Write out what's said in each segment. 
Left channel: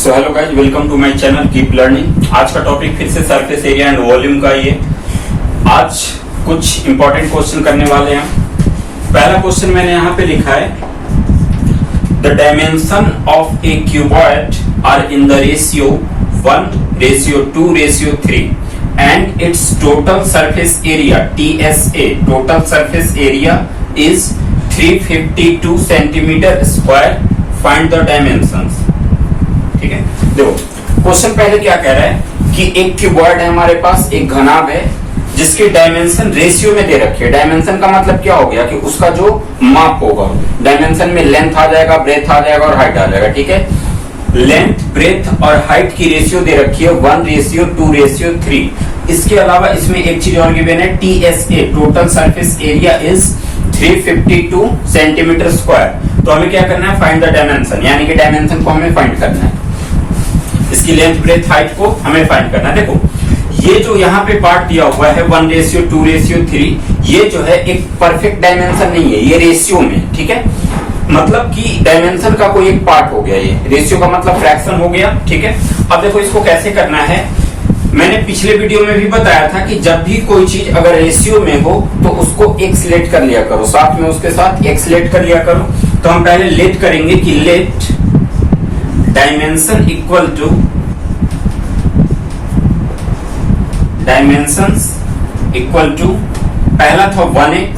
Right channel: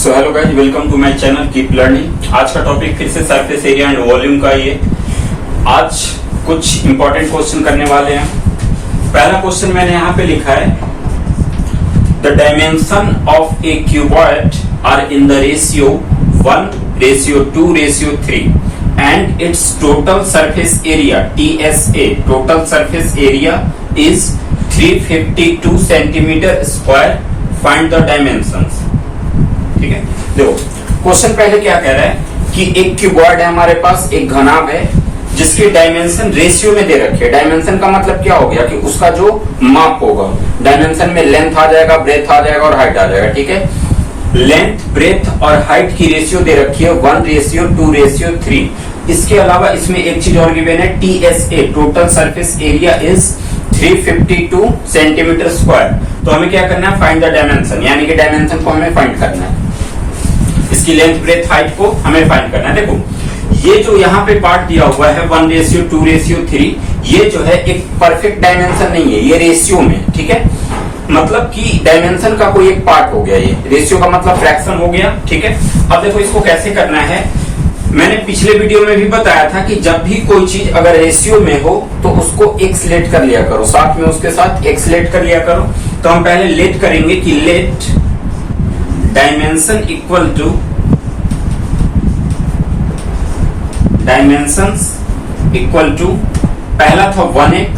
So hello guys, welcome to my channel keep learning. आज का topic फिर से सरफेस एरिया एंड वॉल्यूम का ही है। आज कुछ इंपॉर्टेंट क्वेश्चन करने वाले हैं। पहला क्वेश्चन मैंने यहाँ पे लिखा है, the dimension of a cuboid are in the ratio 1:2:3 and its total surface area TSA total surface area is 352 centimetre square. Find the dimensions. ठीक है, देखो क्वेश्चन पहले क्या कह रहा है कि एक क्यूबॉइड है हमारे पास, एक घनाभ है जिसकी डायमेंशन रेशियो में दे रखी है। डायमेंशन का मतलब क्या हो गया कि उसका जो माप होगा, डायमेंशन में लेंथ आ जाएगा, ब्रेथ आ जाएगा और हाइट आ जाएगा। ठीक है, लेंथ, ब्रेथ और हाइट की रेशियो दे रखी है 1:2:3। इसके अलावा इसमें एक चीज और गिवन है, TSA total surface area is 352 centimetre square. तो हमें क्या करना है, फाइंड द डायमेंशन, यानी कि डायमेंशन को हमें फाइंड करना है, इसकी लेंथ, ब्रेथ, हाइट को हमें फाइंड करना है। देखो ये जो यहाँ पे पार्ट दिया हुआ है 1:2:3, ये जो है एक परफेक्ट डायमेंशन नहीं है, ये रेशियो में। ठीक है, मतलब कि डायमेंशन का कोई एक पार्ट हो गया, ये रेशियो का मतलब फ्रैक्शन हो गया। ठीक है, अब देखो इसको कैसे करना है, मैंने पिछले वीडियो में भी बताया था कि जब भी कोई चीज अगर रेशियो में हो तो उसको एक्सलेट कर लिया करो, साथ में उसके साथ एक्सलेट कर लिया करो। तो हम पहले लेट करेंगे कि let dimension equal to dimensions equal to, पहला था 1x,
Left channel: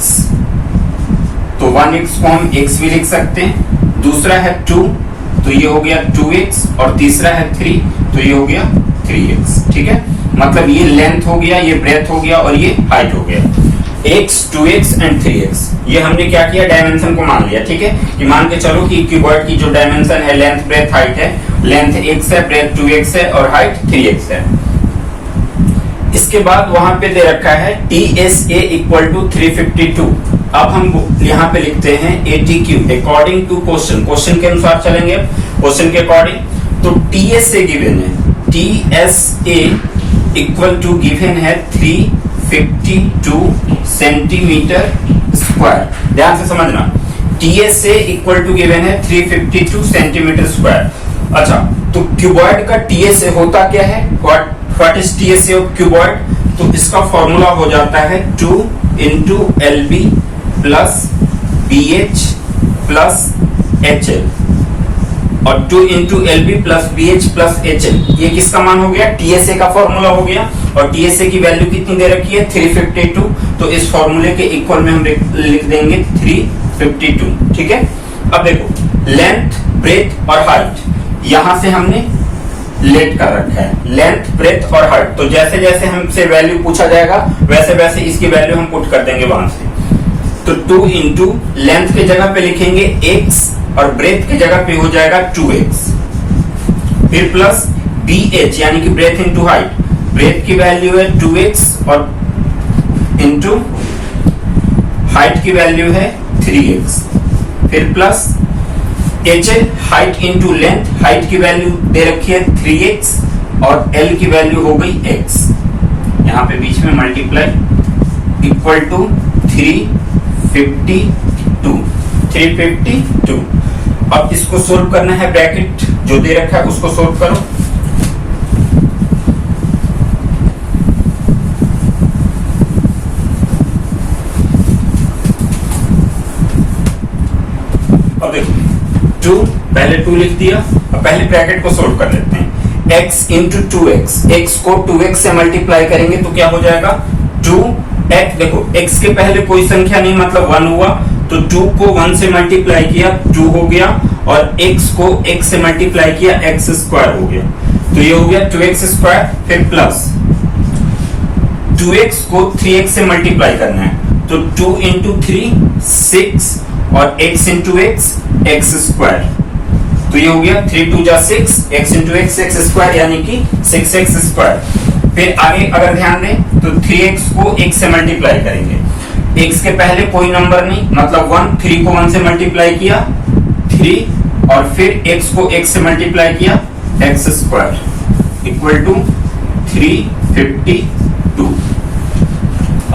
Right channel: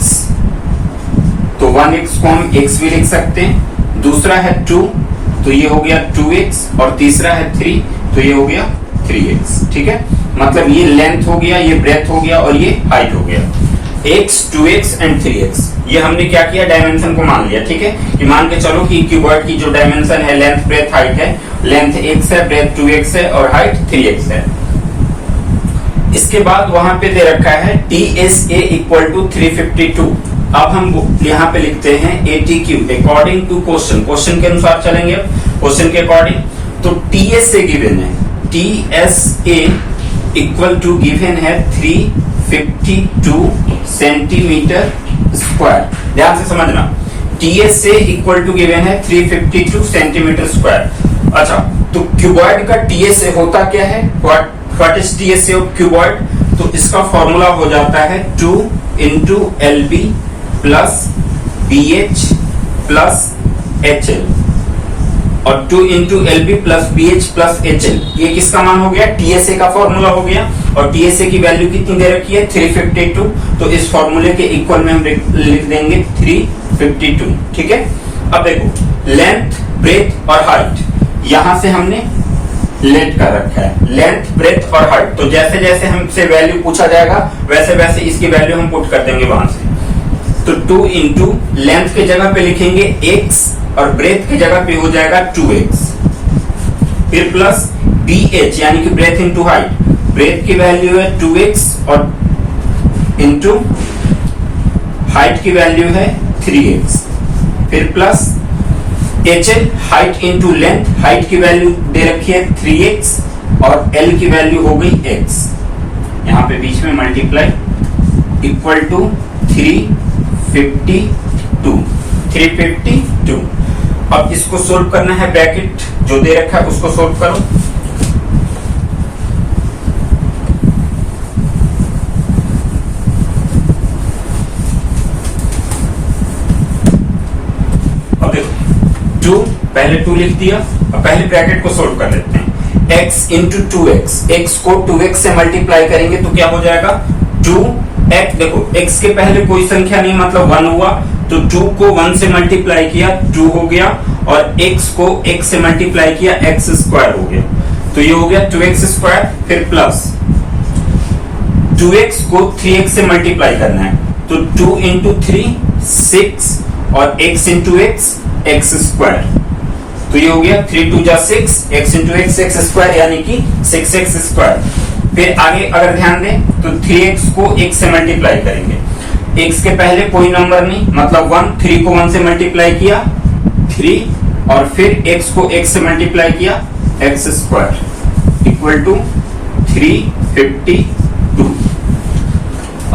तो 1x को हम x भी लिख सकते हैं, दूसरा है 2 तो ये हो गया 2x, और तीसरा है 3 तो ये हो गया 3x। ठीक है, मतलब ये लेंथ हो गया, ये ब्रेथ हो गया और ये हाइट हो गया। x, 2x एंड 3x, ये हमने क्या किया, डायमेंशन को मान लिया। ठीक है, कि मान के चलो कि क्यूबॉइड की जो डायमेंशन है, लेंथ, ब्रेथ, हाइट है, लेंथ x है, ब्रेथ 2x है और हाइट 3x है। इसके बाद वहां पे दे रखा है TSA इक्वल टू 352। अब हम यहाँ पे लिखते हैं ATQ according to question, question के अनुसार चलेंगे, क्वेश्चन के अकॉर्डिंग। तो TSA गिवन है, TSA इक्वल टू गिवन है 352 सेंटीमीटर स्क्वायर। ध्यान से समझना, TSA इक्वल टू गिवन है 352 सेंटीमीटर स्क्वायर। अच्छा, तो क्यूबॉइड का TSA होता क्या है, what is TSA of cuboid? तो इसका फॉर्मूला हो जाता है 2 into LB plus BH plus HL, और 2 into LB plus BH plus HL, ये किसका मान हो गया, TSA का फॉर्मूला हो गया। और TSA की वैल्यू कितनी दे रखी है, 352। तो इस फॉर्मूले के इक्वल में हम लिख देंगे 352। ठीक है, अब देखो लेंथ, ब्रेथ और हाइट यहां से हमने लेट कर रखा है, लेंथ, ब्रेथ और हाइट। तो जैसे जैसे हमसे वैल्यू पूछा जाएगा वैसे वैसे इसकी वैल्यू हम पुट कर देंगे वहां से। तो 2 into लेंथ के जगह पे लिखेंगे x और ब्रेथ के जगह पे हो जाएगा 2x, फिर प्लस BH यानी कि ब्रेथ इंटू हाइट, ब्रेथ की वैल्यू है 2x और इंटू हाइट की वैल्यू है 3x, फिर plus HL height into length, height की वैल्यू दे रखी है 3x और L की वैल्यू हो गई x, यहां पे बीच में मल्टीप्लाई इक्वल टू 352। अब इसको सोल्व करना है, ब्रैकेट जो दे रखा है उसको सोल्व करो। अब देखो 2, पहले 2 लिख दिया, अब पहले ब्रैकेट को सोल्व कर लेते हैं। x इंटू 2x, x को 2x से मल्टीप्लाई करेंगे तो क्या हो जाएगा 2x। देखो x के पहले कोई संख्या नहीं, मतलब 1 हुआ, तो 2 को 1 से मल्टीप्लाई किया 2 हो गया, और x को x से मल्टीप्लाई किया x स्क्वायर हो गया, तो ये हो गया 2x स्क्वायर। फिर प्लस 2x को 3x से मल्टीप्लाई करना है, तो 2 इंटू 3 6 और x इंटू x स्क्वायर, तो ये हो गया 3 2 जा 6, x इंटू x स्क्वायर यानी कि 6x स्क्वायर। फिर आगे अगर ध्यान दें तो 3x को x से मल्टीप्लाई करेंगे, x के पहले कोई नंबर नहीं, मतलब 1, 3 को 1 से मल्टीप्लाई किया 3, और फिर x को x से मल्टीप्लाई किया x स्क्वायर इक्वल टू 352।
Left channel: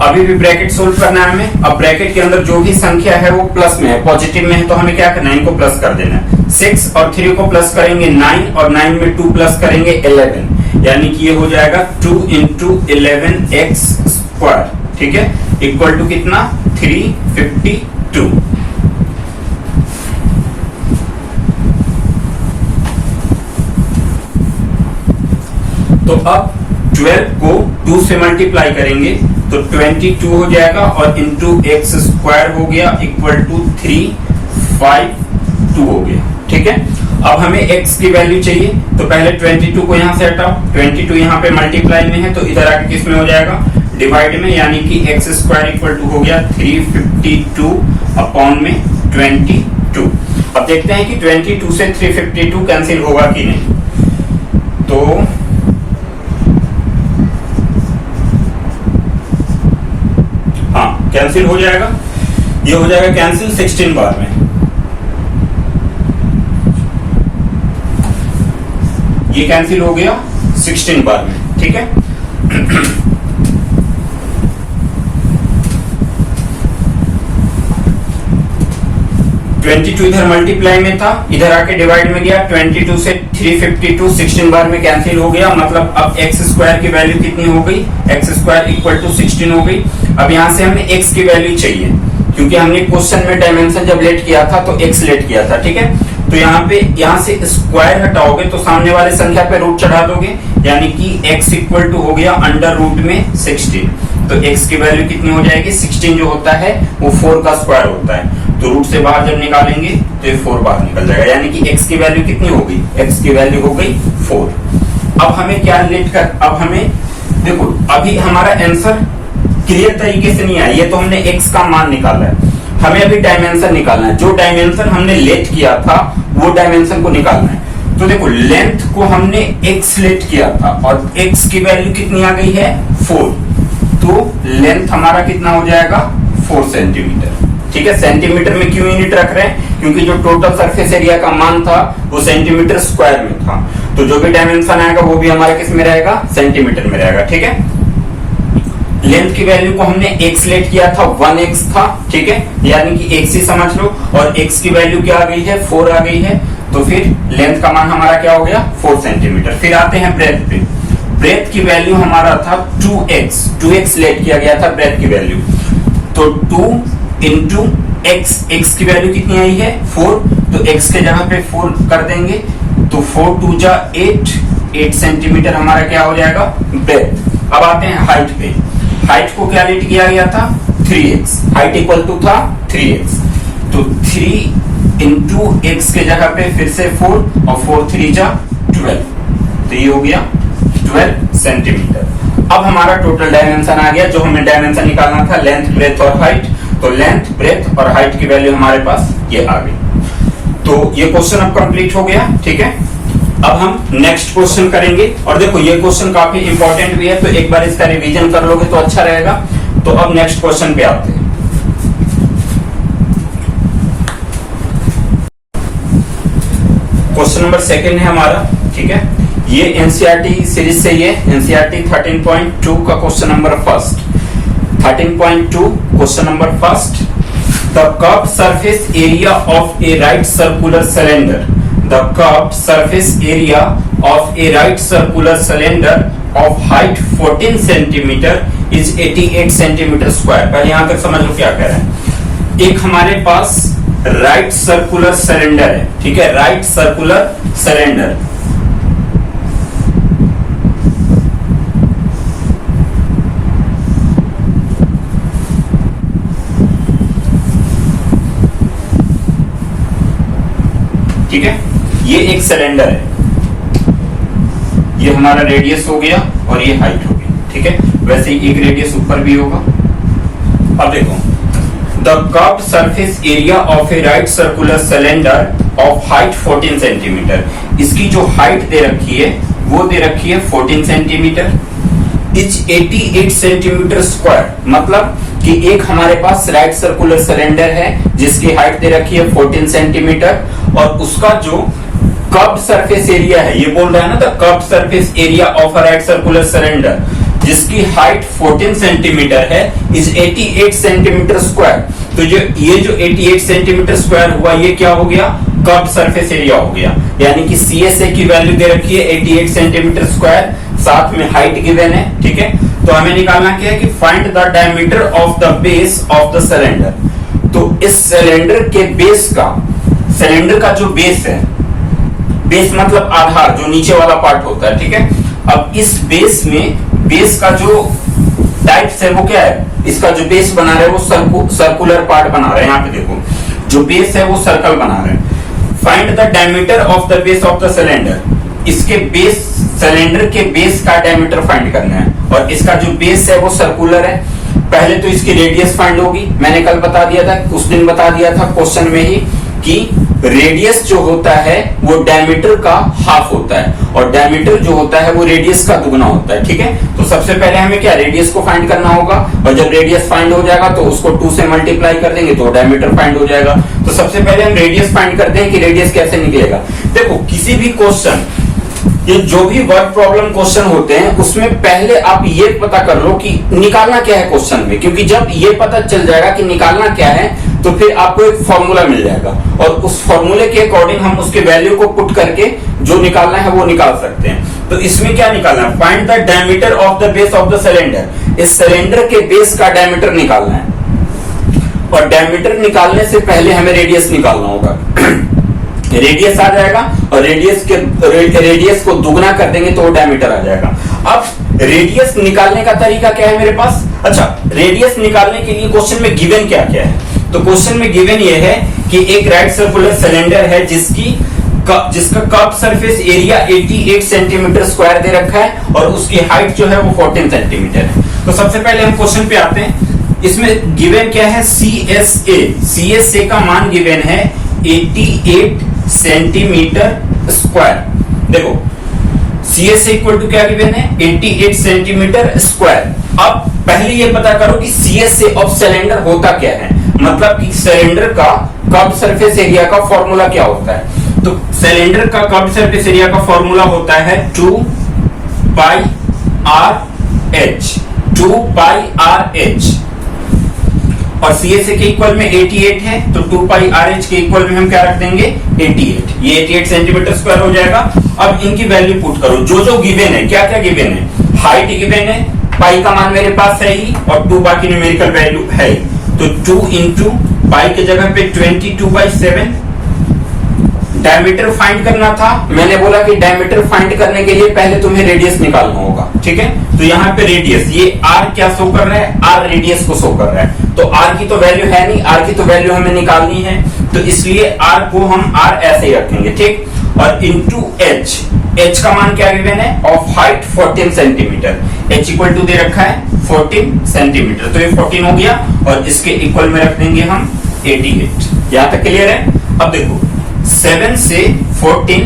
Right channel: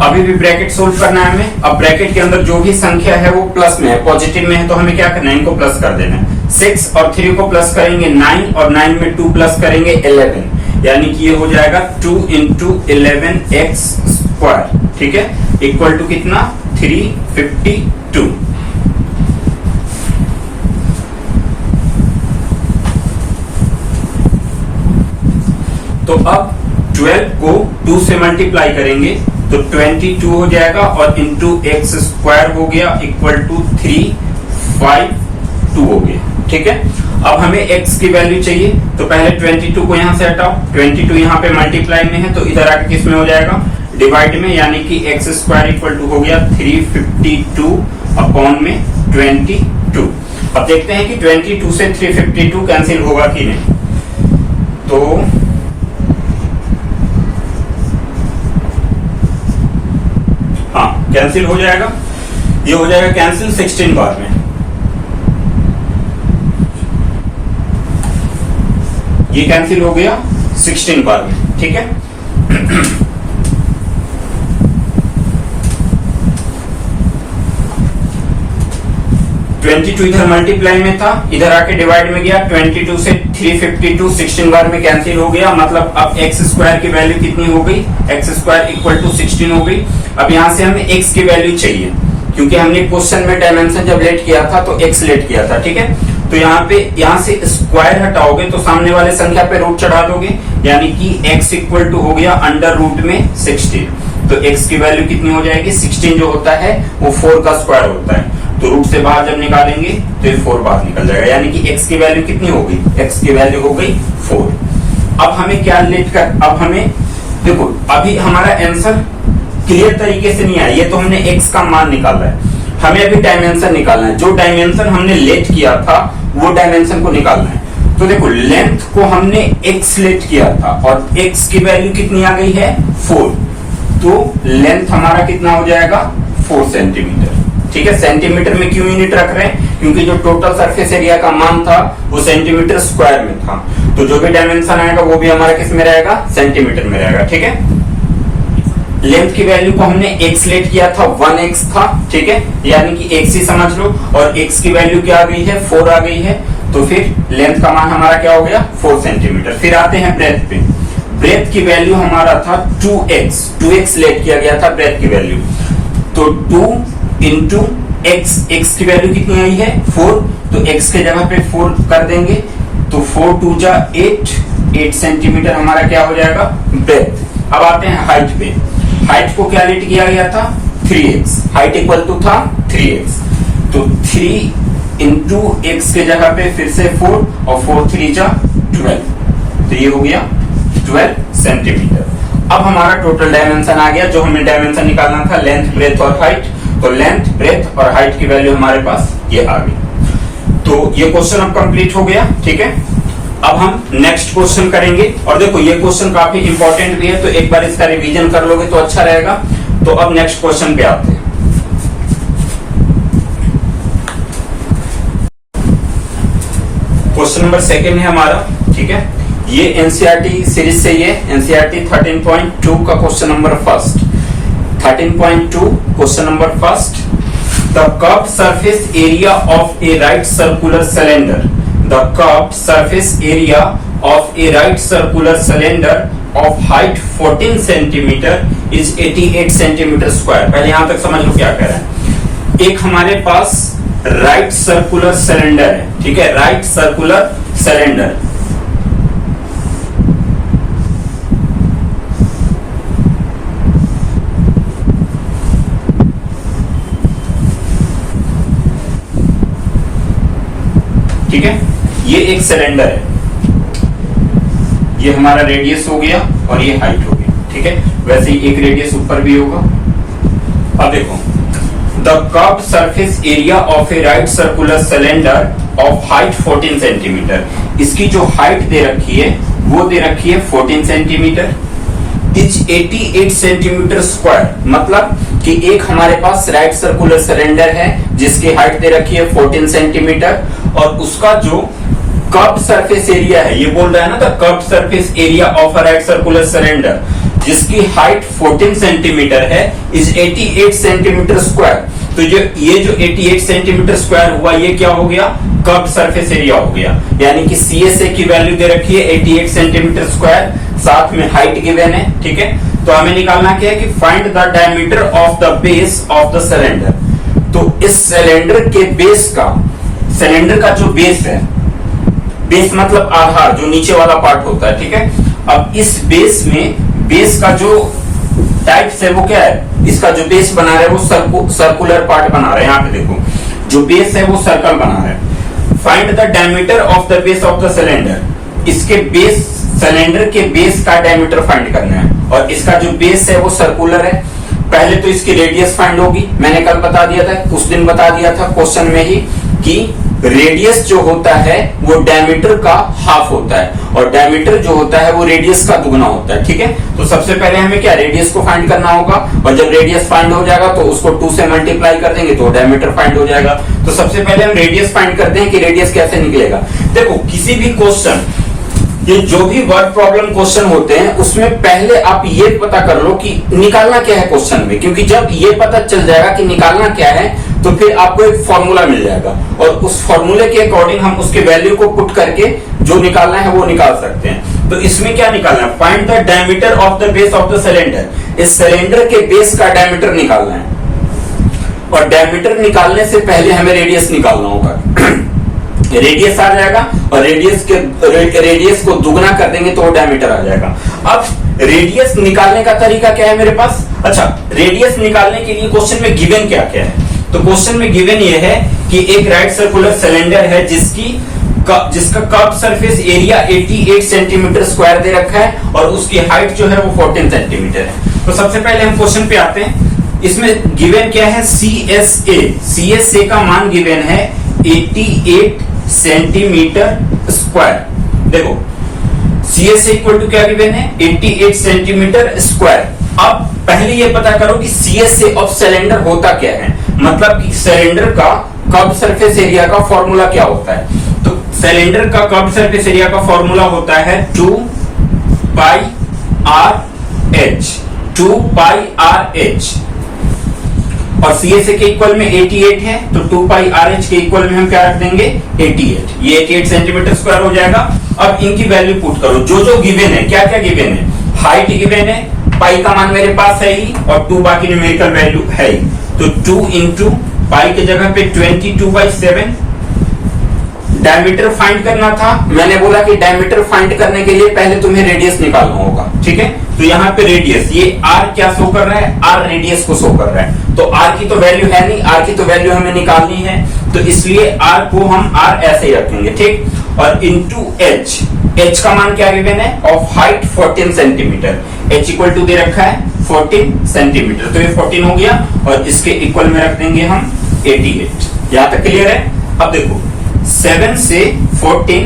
अभी भी ब्रैकेट सोल्व करना है हमें। अब ब्रैकेट के अंदर जो भी संख्या है वो प्लस में है, पॉजिटिव में है, तो हमें क्या करना है, इनको प्लस कर देना है। 6 और 3 को प्लस करेंगे 9 और 9 में 2 प्लस करेंगे 11, यानी कि ये हो जाएगा 2 इंटू 11x स्क्वायर, ठीक है, इक्वल टू कितना 352। तो अब 12 को 2 से मल्टीप्लाई करेंगे तो 22 हो जाएगा और इंटू एक्स स्क्वायर हो गया इक्वल टू 352 हो गया, ठीक है। अब हमें x की वैल्यू चाहिए तो पहले 22 को यहां से हटाओ, 22 यहां पे मल्टीप्लाई में है तो इधर आके किस में हो जाएगा, डिवाइड में, यानी कि एक्स स्क्वायर इक्वल टू हो गया 352 अपॉन में 22। अब देखते हैं कि 22 से 352 कैंसिल होगा कि नहीं। तो हाँ, कैंसिल हो जाएगा, ये हो जाएगा कैंसिल 16 बार में, ये कैंसिल हो गया 16 बार में, ठीक है। 22 इधर मल्टीप्लाई में था, इधर आके डिवाइड में गया, 22 से 352 16 बार में कैंसिल हो गया, मतलब अब एक्स स्क्वायर की वैल्यू कितनी हो गई, एक्स स्क्वायर इक्वल टू 16 हो गई। अब यहाँ से हमें एक्स की वैल्यू चाहिए, क्योंकि हमने क्वेश्चन में डायमेंशन जब लेट किया था तो एक्स लेट किया था, ठीक है। तो यहाँ से स्क्वायर हटाओगे तो सामने वाले संख्या पे रूट चढ़ा दोगे, यानी कि x इक्वल टू हो गया अंडर रूट में 16। तो x की वैल्यू कितनी हो जाएगी, 16 जो होता है वो 4 का स्क्वायर होता है, तो रूट से बाहर जब निकालेंगे तो ये 4 बाहर निकल जाएगा, यानी कि x की वैल्यू कितनी हो गई, x की वैल्यू हो गई 4। अब हमें क्या लेट कर, अब हमें देखो अभी हमारा आंसर क्लियर तरीके से नहीं आया, ये तो हमने x का मान निकाला है, हमें अभी डायमेंशन निकालना है, जो डायमेंशन हमने लेट किया था वो डायमेंशन को निकालना है। तो देखो लेंथ को हमने x लेट किया था और x की वैल्यू कितनी आ गई है 4, तो लेंथ हमारा कितना हो जाएगा 4 सेंटीमीटर, ठीक है। सेंटीमीटर में क्यों यूनिट रख रहे हैं, क्योंकि जो टोटल सरफेस एरिया का मान था वो सेंटीमीटर स्क्वायर में था, तो जो भी डायमेंशन आएगा वो भी हमारा किस में रहेगा, सेंटीमीटर में रहेगा, ठीक है। लेंथ की वैल्यू को हमने x लेट किया था 1x था, ठीक है, यानी कि x ही समझ लो, और x की वैल्यू क्या आ गई है 4 आ गई है, तो फिर लेंथ का मान हमारा क्या हो गया 4 सेंटीमीटर। फिर आते हैं ब्रेथ पे, ब्रेथ की वैल्यू हमारा था 2x लेट किया गया था ब्रेथ की वैल्यू, तो 2 इंटू x की वैल्यू कितनी आई है 4, तो x के जगह पे 4 कर देंगे तो 4 2 जा 8 सेंटीमीटर हमारा क्या हो जाएगा ब्रेथ। अब आते हैं हाइट पे, हाइट को क्या लेट किया गया था 3x, हाइट इक्वल टू था 3x, तो 3 इंटू एक्स के जगह पे फिर से 4 और 4 3 जा 12, तो ये हो गया 12 सेंटीमीटर। अब हमारा टोटल डायमेंशन आ गया, जो हमें डायमेंशन निकालना था लेंथ ब्रेथ और हाइट, तो लेंथ ब्रेथ और हाइट की वैल्यू हमारे पास ये आ गई। तो ये क्वेश्चन अब कंप्लीट हो गया, ठीक है। अब हम नेक्स्ट क्वेश्चन करेंगे, और देखो ये क्वेश्चन काफी इंपॉर्टेंट भी है, तो एक बार इसका रिवीजन कर लोगे तो अच्छा रहेगा। तो अब नेक्स्ट क्वेश्चन पे आते हैं। क्वेश्चन नंबर 2 है हमारा, ठीक है। ये एनसीईआरटी सीरीज से, ये एनसीईआरटी 13.2 का question number first, 13.2 question number first. The curved surface area of A right circular cylinder, the curved surface area of a right circular cylinder of height 14 centimeter is 88 centimeter square। पहले यहां तक समझ लो क्या कह रहा है। एक हमारे पास राइट सर्कुलर सिलेंडर है, ठीक है, राइट सर्कुलर सिलेंडर, ठीक है, ये एक सिलेंडर है, ये हमारा रेडियस हो गया और ये हाइट हो गया, ठीक है। वैसे ही एक रेडियस ऊपर भी होगा। अब देखो, the curved surface area of A right circular cylinder of height 14 centimetre, इसकी जो हाइट दे रखी है वो दे रखी है 14 सेंटीमीटर, इज 88 सेंटीमीटर स्क्वायर, मतलब कि एक हमारे पास राइट सर्कुलर सिलेंडर है जिसकी हाइट दे रखी है 14 सेंटीमीटर, और उसका जो कर्व्ड सरफेस एरिया है, ये बोल रहा है ना, the curved surface area of a right circular cylinder जिसकी हाइट 14 सेंटीमीटर है, इज 88 सेंटीमीटर स्क्वायर। तो ये जो 88 सेंटीमीटर स्क्वायर हुआ, ये क्या हो गया कर्व सरफेस एरिया हो गया, यानी कि CSA की वैल्यू दे रखी है 88 सेंटीमीटर स्क्वायर, साथ में हाइट गिवन है, ठीक है। तो हमें निकालना क्या है कि find the diameter of the base of the cylinder. तो इस सिलेंडर के बेस का, सिलेंडर का जो बेस है, बेस मतलब आधार, जो नीचे वाला पार्ट होता है, ठीक है। अब इस बेस में, बेस का जो टाइप्स है वो क्या है, इसका जो बेस बना रहे हैं वो सर्कुलर पार्ट बना रहे हैं। यहाँ पे देखो, जो बेस है वो सर्कल बना रहे हैं। Find the diameter of the base of the cylinder. इसके बेस, सिलेंडर के बेस का डायमीटर फाइंड करना है, और इसका जो बेस है वो सर्कुलर है। पहले तो इसकी रेडियस फाइंड होगी, मैंने कल बता दिया था, उस दिन बता दिया था क्वेश्चन में ही कि रेडियस जो होता है वो डायमीटर का हाफ होता है, और डायमीटर जो होता है वो रेडियस का दुगना होता है, ठीक है। तो सबसे पहले हमें क्या, रेडियस को फाइंड करना होगा, और जब रेडियस फाइंड हो जाएगा तो उसको 2 से मल्टीप्लाई कर देंगे तो डायमीटर फाइंड हो जाएगा। तो सबसे पहले हम रेडियस फाइंड करते हैं कि रेडियस कैसे निकलेगा। देखो, किसी भी क्वेश्चन, ये जो भी वर्ड प्रॉब्लम क्वेश्चन होते हैं उसमें पहले आप ये पता कर लो कि निकालना क्या है क्वेश्चन में, क्योंकि जब ये पता चल जाएगा कि निकालना क्या है तो फिर आपको एक फॉर्मूला मिल जाएगा, और उस फॉर्मूले के अकॉर्डिंग हम उसके वैल्यू को पुट करके जो निकालना है वो निकाल सकते हैं। तो इसमें क्या निकालना है, find the diameter of the base of the cylinder. इस सिलेंडर के बेस का डायमीटर निकालना है, और डायमीटर निकालने से पहले हमें रेडियस निकालना होगा। रेडियस आ जाएगा, और रेडियस को दुगना कर देंगे तो वो डायमीटर आ जाएगा। अब रेडियस निकालने का तरीका क्या है मेरे पास। अच्छा, रेडियस निकालने के लिए क्वेश्चन में गिवन क्या क्या है। तो क्वेश्चन में गिवन ये है कि एक राइट सर्कुलर सिलेंडर है जिसका curve surface area 88 centimetre square दे रखा है, और उसकी हाइट जो है वो 14 सेंटीमीटर है। तो सबसे पहले हम क्वेश्चन पे आते हैं। इसमें गिवन क्या है, CSA का मान गिवन है 88 सेंटीमीटर स्क्वायर। देखो, CSA इक्वल टू क्या गिवन है, 88 सेंटीमीटर स्क्वायर। अब पहले ये पता करो कि CSA ऑफ सिलेंडर होता क्या है, मतलब कि सिलेंडर का कर्व सरफेस एरिया का फॉर्मूला क्या होता है। तो सिलेंडर का कर्व सरफेस एरिया का फॉर्मूला होता है 2 पाई आर एच, और CSA के इक्वल में 88 है, तो 2 पाई आर एच के इक्वल में हम क्या रख देंगे, 88। ये 88 सेंटीमीटर स्क्वायर हो जाएगा। अब इनकी वैल्यू पुट करो, जो जो गिवन है, क्या क्या गिवन है, हाइट गिवन है, पाई का मान मेरे पास है ही, और 2 बाकी न्यूमेरिकल वैल्यू है ही। तो 2 इंटू पाई के जगह पे 22/7। डायमीटर फाइंड करना था, मैंने बोला कि डायमीटर फाइंड करने के लिए पहले तुम्हें रेडियस निकालना होगा, ठीक है। तो यहाँ पे रेडियस, ये r क्या शो कर रहा है, r रेडियस को शो कर रहा है। तो r की तो वैल्यू है नहीं, r की तो वैल्यू हमें निकालनी है, तो इसलिए r को हम r ऐसे ही रखेंगे, ठीक। और इंटू h का मान क्या गिवन है, of height 14 centimetre, h equal to दे रखा है 14 सेंटीमीटर, तो ये 14 हो गया, और इसके इक्वल में रख देंगे हम 88। यहां तक क्लियर है। अब देखो, 7 से 14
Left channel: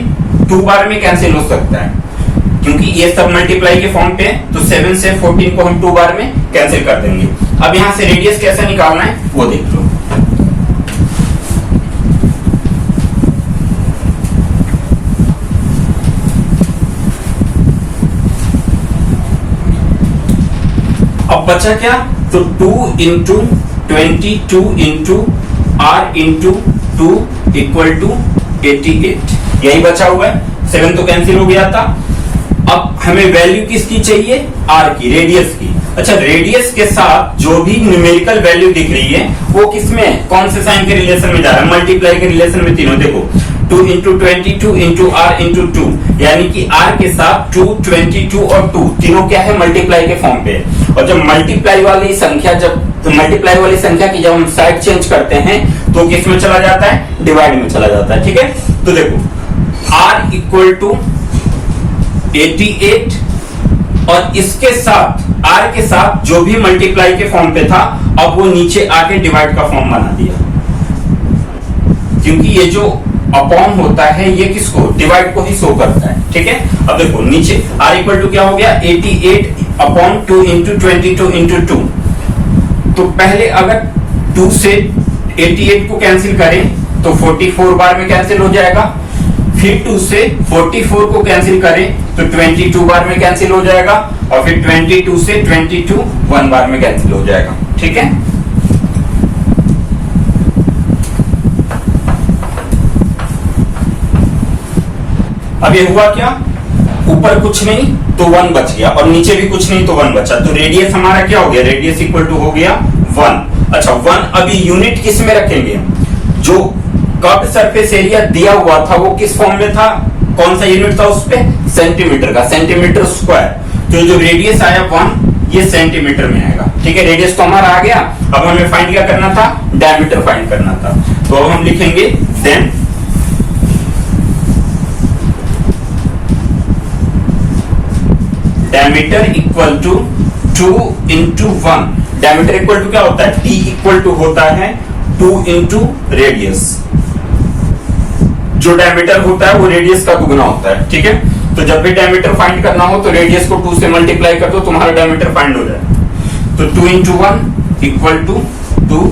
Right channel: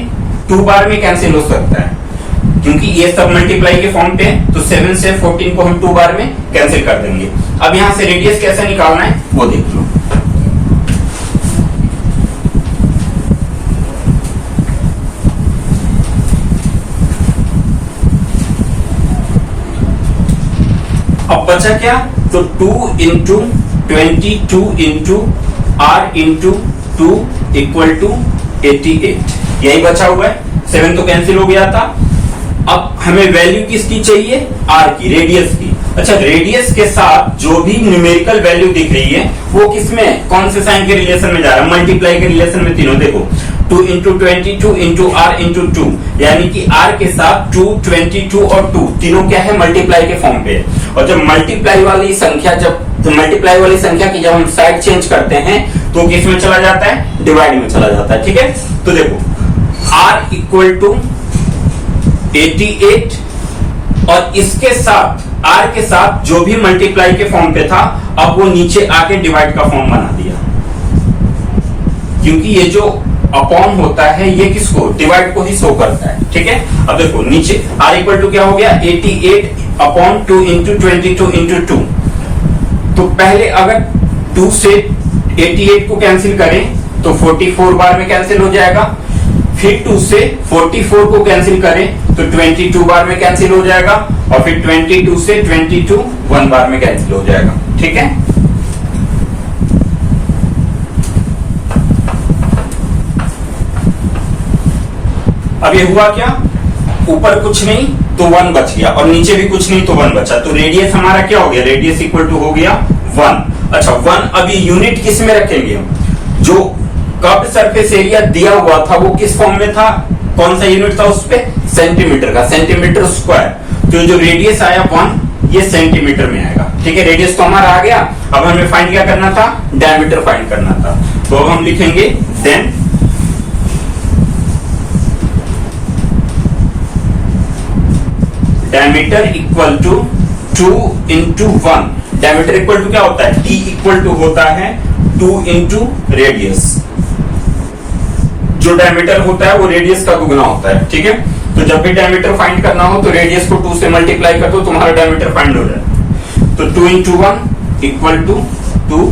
2 बार में कैंसिल हो सकता है, क्योंकि ये सब मल्टीप्लाई के फॉर्म पे है, तो 7 से 14 को हम 2 बार में कैंसिल कर देंगे। अब यहां से रेडियस कैसे निकालना है वो देख लो। अब बचा क्या, तो 2 into 22 into r into 2 equal to 88, यही बचा हुआ है। 7 तो कैंसिल हो गया था। अब हमें वैल्यू किसकी चाहिए, r की, रेडियस की। अच्छा, रेडियस के साथ जो भी न्यूमेरिकल वैल्यू दिख रही है वो किसमें, कौन से साइन के रिलेशन में जा रहा है, मल्टीप्लाई के रिलेशन में। तीनों देखो, 2 इंटू 22 इंटू r इंटू 2, यानी कि r के साथ 2, 22 और 2 तीनों क्या है, मल्टीप्लाई के फॉर्म पे है। और जब मल्टीप्लाई वाली संख्या की जब हम साइड चेंज करते हैं तो किस में चला जाता है, डिवाइड में चला जाता है, ठीक है। तो देखो, r इक्वल टू 88, और इसके साथ r के साथ जो भी मल्टीप्लाई के फॉर्म पे था, अब वो नीचे आके डिवाइड का फॉर्म बना दिया, क्योंकि ये जो अपॉन होता है ये किसको, डिवाइड को ही शो करता है, ठीक है। अब देखो नीचे r इक्वल टू क्या हो गया, 88 अपॉन 2 इंटू 22 इंटू 2। तो पहले अगर 2 से 88 को कैंसिल करें तो 44 बार में कैंसिल हो जाएगा, फिर 2 से 44 को कैंसिल करें तो 22 बार में कैंसिल हो जाएगा, और फिर 22 से 22 1 बार में कैंसिल हो जाएगा, ठीक है। अब ये हुआ क्या, ऊपर कुछ नहीं तो 1 बच गया और नीचे भी कुछ नहीं तो 1 बचा, तो रेडियस हमारा क्या हो गया, रेडियस इक्वल टू हो गया 1। अच्छा 1 अभी यूनिट किस में रखेंगे, जो कर्व्ड सरफेस एरिया दिया हुआ था वो किस फॉर्म में था, कौन सा यूनिट था उस पे, सेंटीमीटर का, सेंटीमीटर स्क्वायर। तो जो रेडियस आया 1 ये सेंटीमीटर में आएगा। ठीक है, रेडियस तो हमारा आ गया। अब हमें फाइंड क्या करना था, डायमीटर फाइंड करना था। तो अब हम लिखेंगे then diameter equal to 2 into 1। Diameter equal to क्या होता है, d इक्वल टू होता है 2 इंटू रेडियस। जो डायमीटर होता है वो रेडियस का दुगना होता है। ठीक है, तो जब भी डायमीटर फाइंड करना हो तो रेडियस को 2 से मल्टीप्लाई कर दो, तुम्हारा डायमीटर फाइंड हो जाए। तो 2 इंटू 1 इक्वल टू 2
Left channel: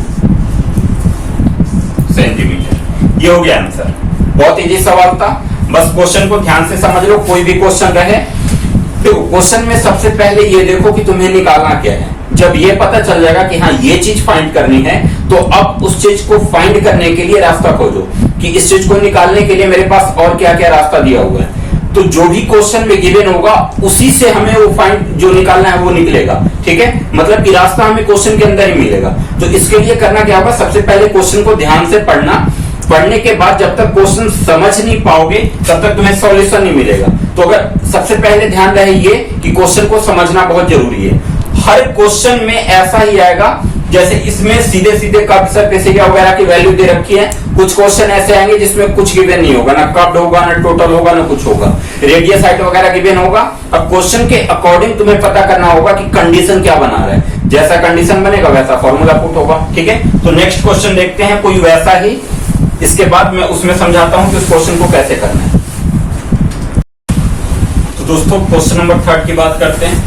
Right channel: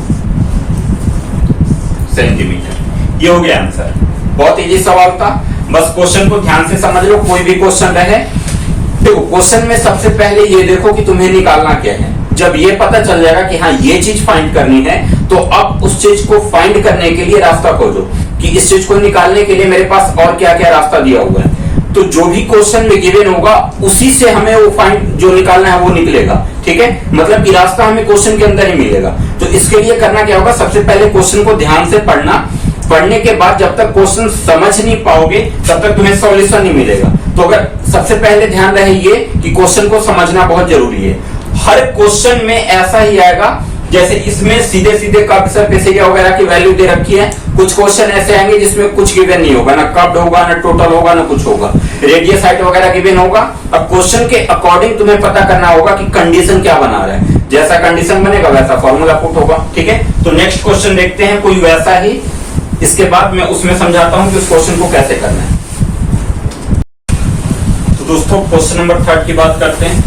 सेंटीमीटर। ये हो गया आंसर। बहुत इजी सवाल था, बस क्वेश्चन को ध्यान से समझ लो। कोई भी क्वेश्चन रहे, देखो क्वेश्चन में सबसे पहले ये देखो कि तुम्हें निकालना क्या है। जब ये पता चल जाएगा कि हाँ ये चीज फाइंड करनी है, तो अब उस चीज को फाइंड करने के लिए रास्ता खोजो कि इस चीज को निकालने के लिए मेरे पास और क्या क्या रास्ता दिया हुआ है। तो जो भी क्वेश्चन में गिवन होगा उसी से हमें वो फाइंड जो निकालना है वो निकलेगा। ठीक है, मतलब कि रास्ता हमें क्वेश्चन के अंदर ही मिलेगा। तो इसके लिए करना क्या होगा, सबसे पहले क्वेश्चन को ध्यान से पढ़ना। पढ़ने के बाद जब तक क्वेश्चन समझ नहीं पाओगे तब तक तुम्हें सॉल्यूशन नहीं मिलेगा। तो अगर सबसे पहले ध्यान रहे ये कि क्वेश्चन को समझना बहुत जरूरी है। हर क्वेश्चन में ऐसा ही आएगा, जैसे इसमें सीधे सीधे कर्व्ड सरफेस एरिया वगैरह की वैल्यू दे रखी है। कुछ क्वेश्चन ऐसे आएंगे जिसमें कुछ गिवन नहीं होगा, ना कर्व्ड होगा, ना टोटल होगा, ना कुछ होगा, रेडियस हाइट वगैरह गिवन होगा। अब क्वेश्चन के अकॉर्डिंग तुम्हें पता करना होगा कि कंडीशन क्या बना रहा है। जैसा कंडीशन बनेगा वैसा फॉर्मूला पुट होगा। ठीक है, तो नेक्स्ट क्वेश्चन देखते हैं कोई वैसा ही। इसके बाद मैं उसमें समझाता हूं कि उस क्वेश्चन को कैसे करना है। तो दोस्तों क्वेश्चन नंबर 3 की बात करते हैं।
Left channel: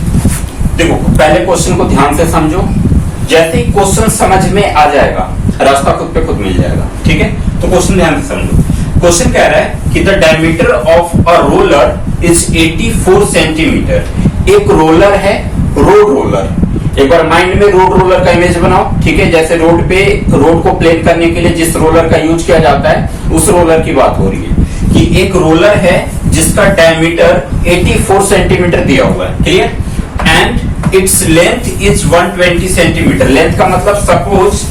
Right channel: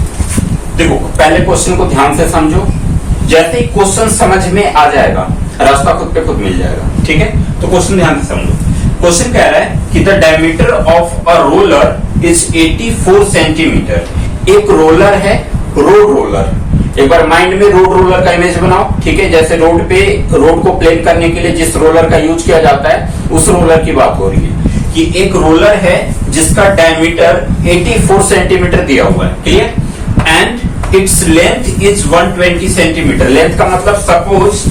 देखो पहले क्वेश्चन को ध्यान से समझो, जैसे ही क्वेश्चन समझ में आ जाएगा रास्ता खुद पे खुद मिल जाएगा। ठीक है, तो क्वेश्चन ध्यान से समझो। क्वेश्चन कह रहा है कि the diameter of a roller is 84 centimetre. एक रोलर है, रोड रोलर। एक बार माइंड में रोड रोलर का इमेज बनाओ। ठीक है, जैसे रोड पे रोड को प्लेन करने के लिए जिस रोलर का यूज किया जाता है उस रोलर की बात हो रही है कि एक रोलर है जिसका डायमीटर 84 सेंटीमीटर दिया हुआ है। Clear, and its length is 120 centimetre. Length का मतलब सपोज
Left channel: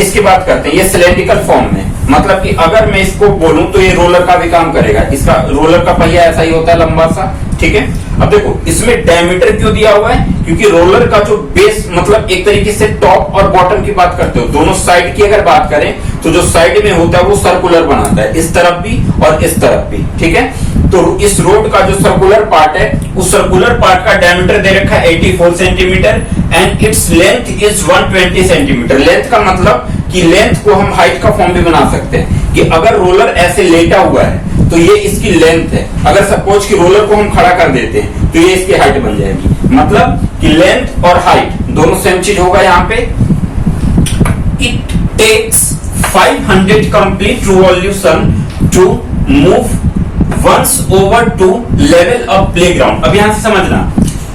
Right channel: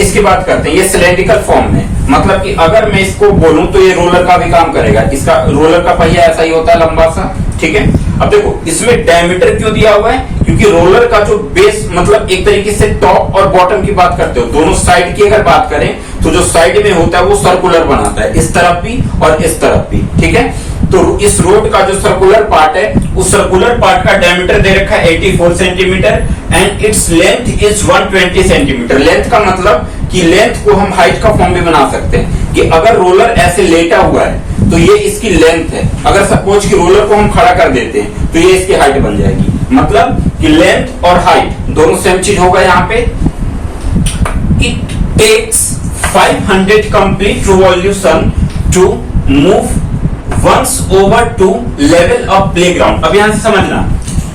इसकी बात करते हैं, ये सिलेंड्रिकल फॉर्म में, मतलब कि अगर मैं इसको बोलूं तो ये रोलर का भी काम करेगा। इसका रोलर का पहिया ऐसा ही होता है, लंबा सा। ठीक है, अब देखो इसमें डायमीटर क्यों दिया हुआ है, क्योंकि रोलर का जो बेस मतलब एक तरीके से टॉप और बॉटम की बात करते हो, दोनों साइड की अगर बात करें तो जो साइड में होता है वो सर्कुलर बनाता है, इस तरफ भी और इस तरफ भी। ठीक है, तो इस रोड का जो सर्कुलर पार्ट है उस सर्कुलर पार्ट का डायमीटर दे रखा है 84 centimetre and its length is 120 centimetre. Length का मतलब कि लेंथ को हम हाइट का फॉर्म भी बना सकते हैं कि अगर रोलर ऐसे लेटा हुआ है तो ये इसकी लेंथ है। अगर सपोज कि रोलर को हम खड़ा कर देते हैं तो ये इसकी हाइट बन जाएगी। मतलब कि लेंथ और हाइट दोनों सेम चीज होगा यहाँ पे। It takes 500 complete revolution to move once over to level of playground। अब यहां से समझना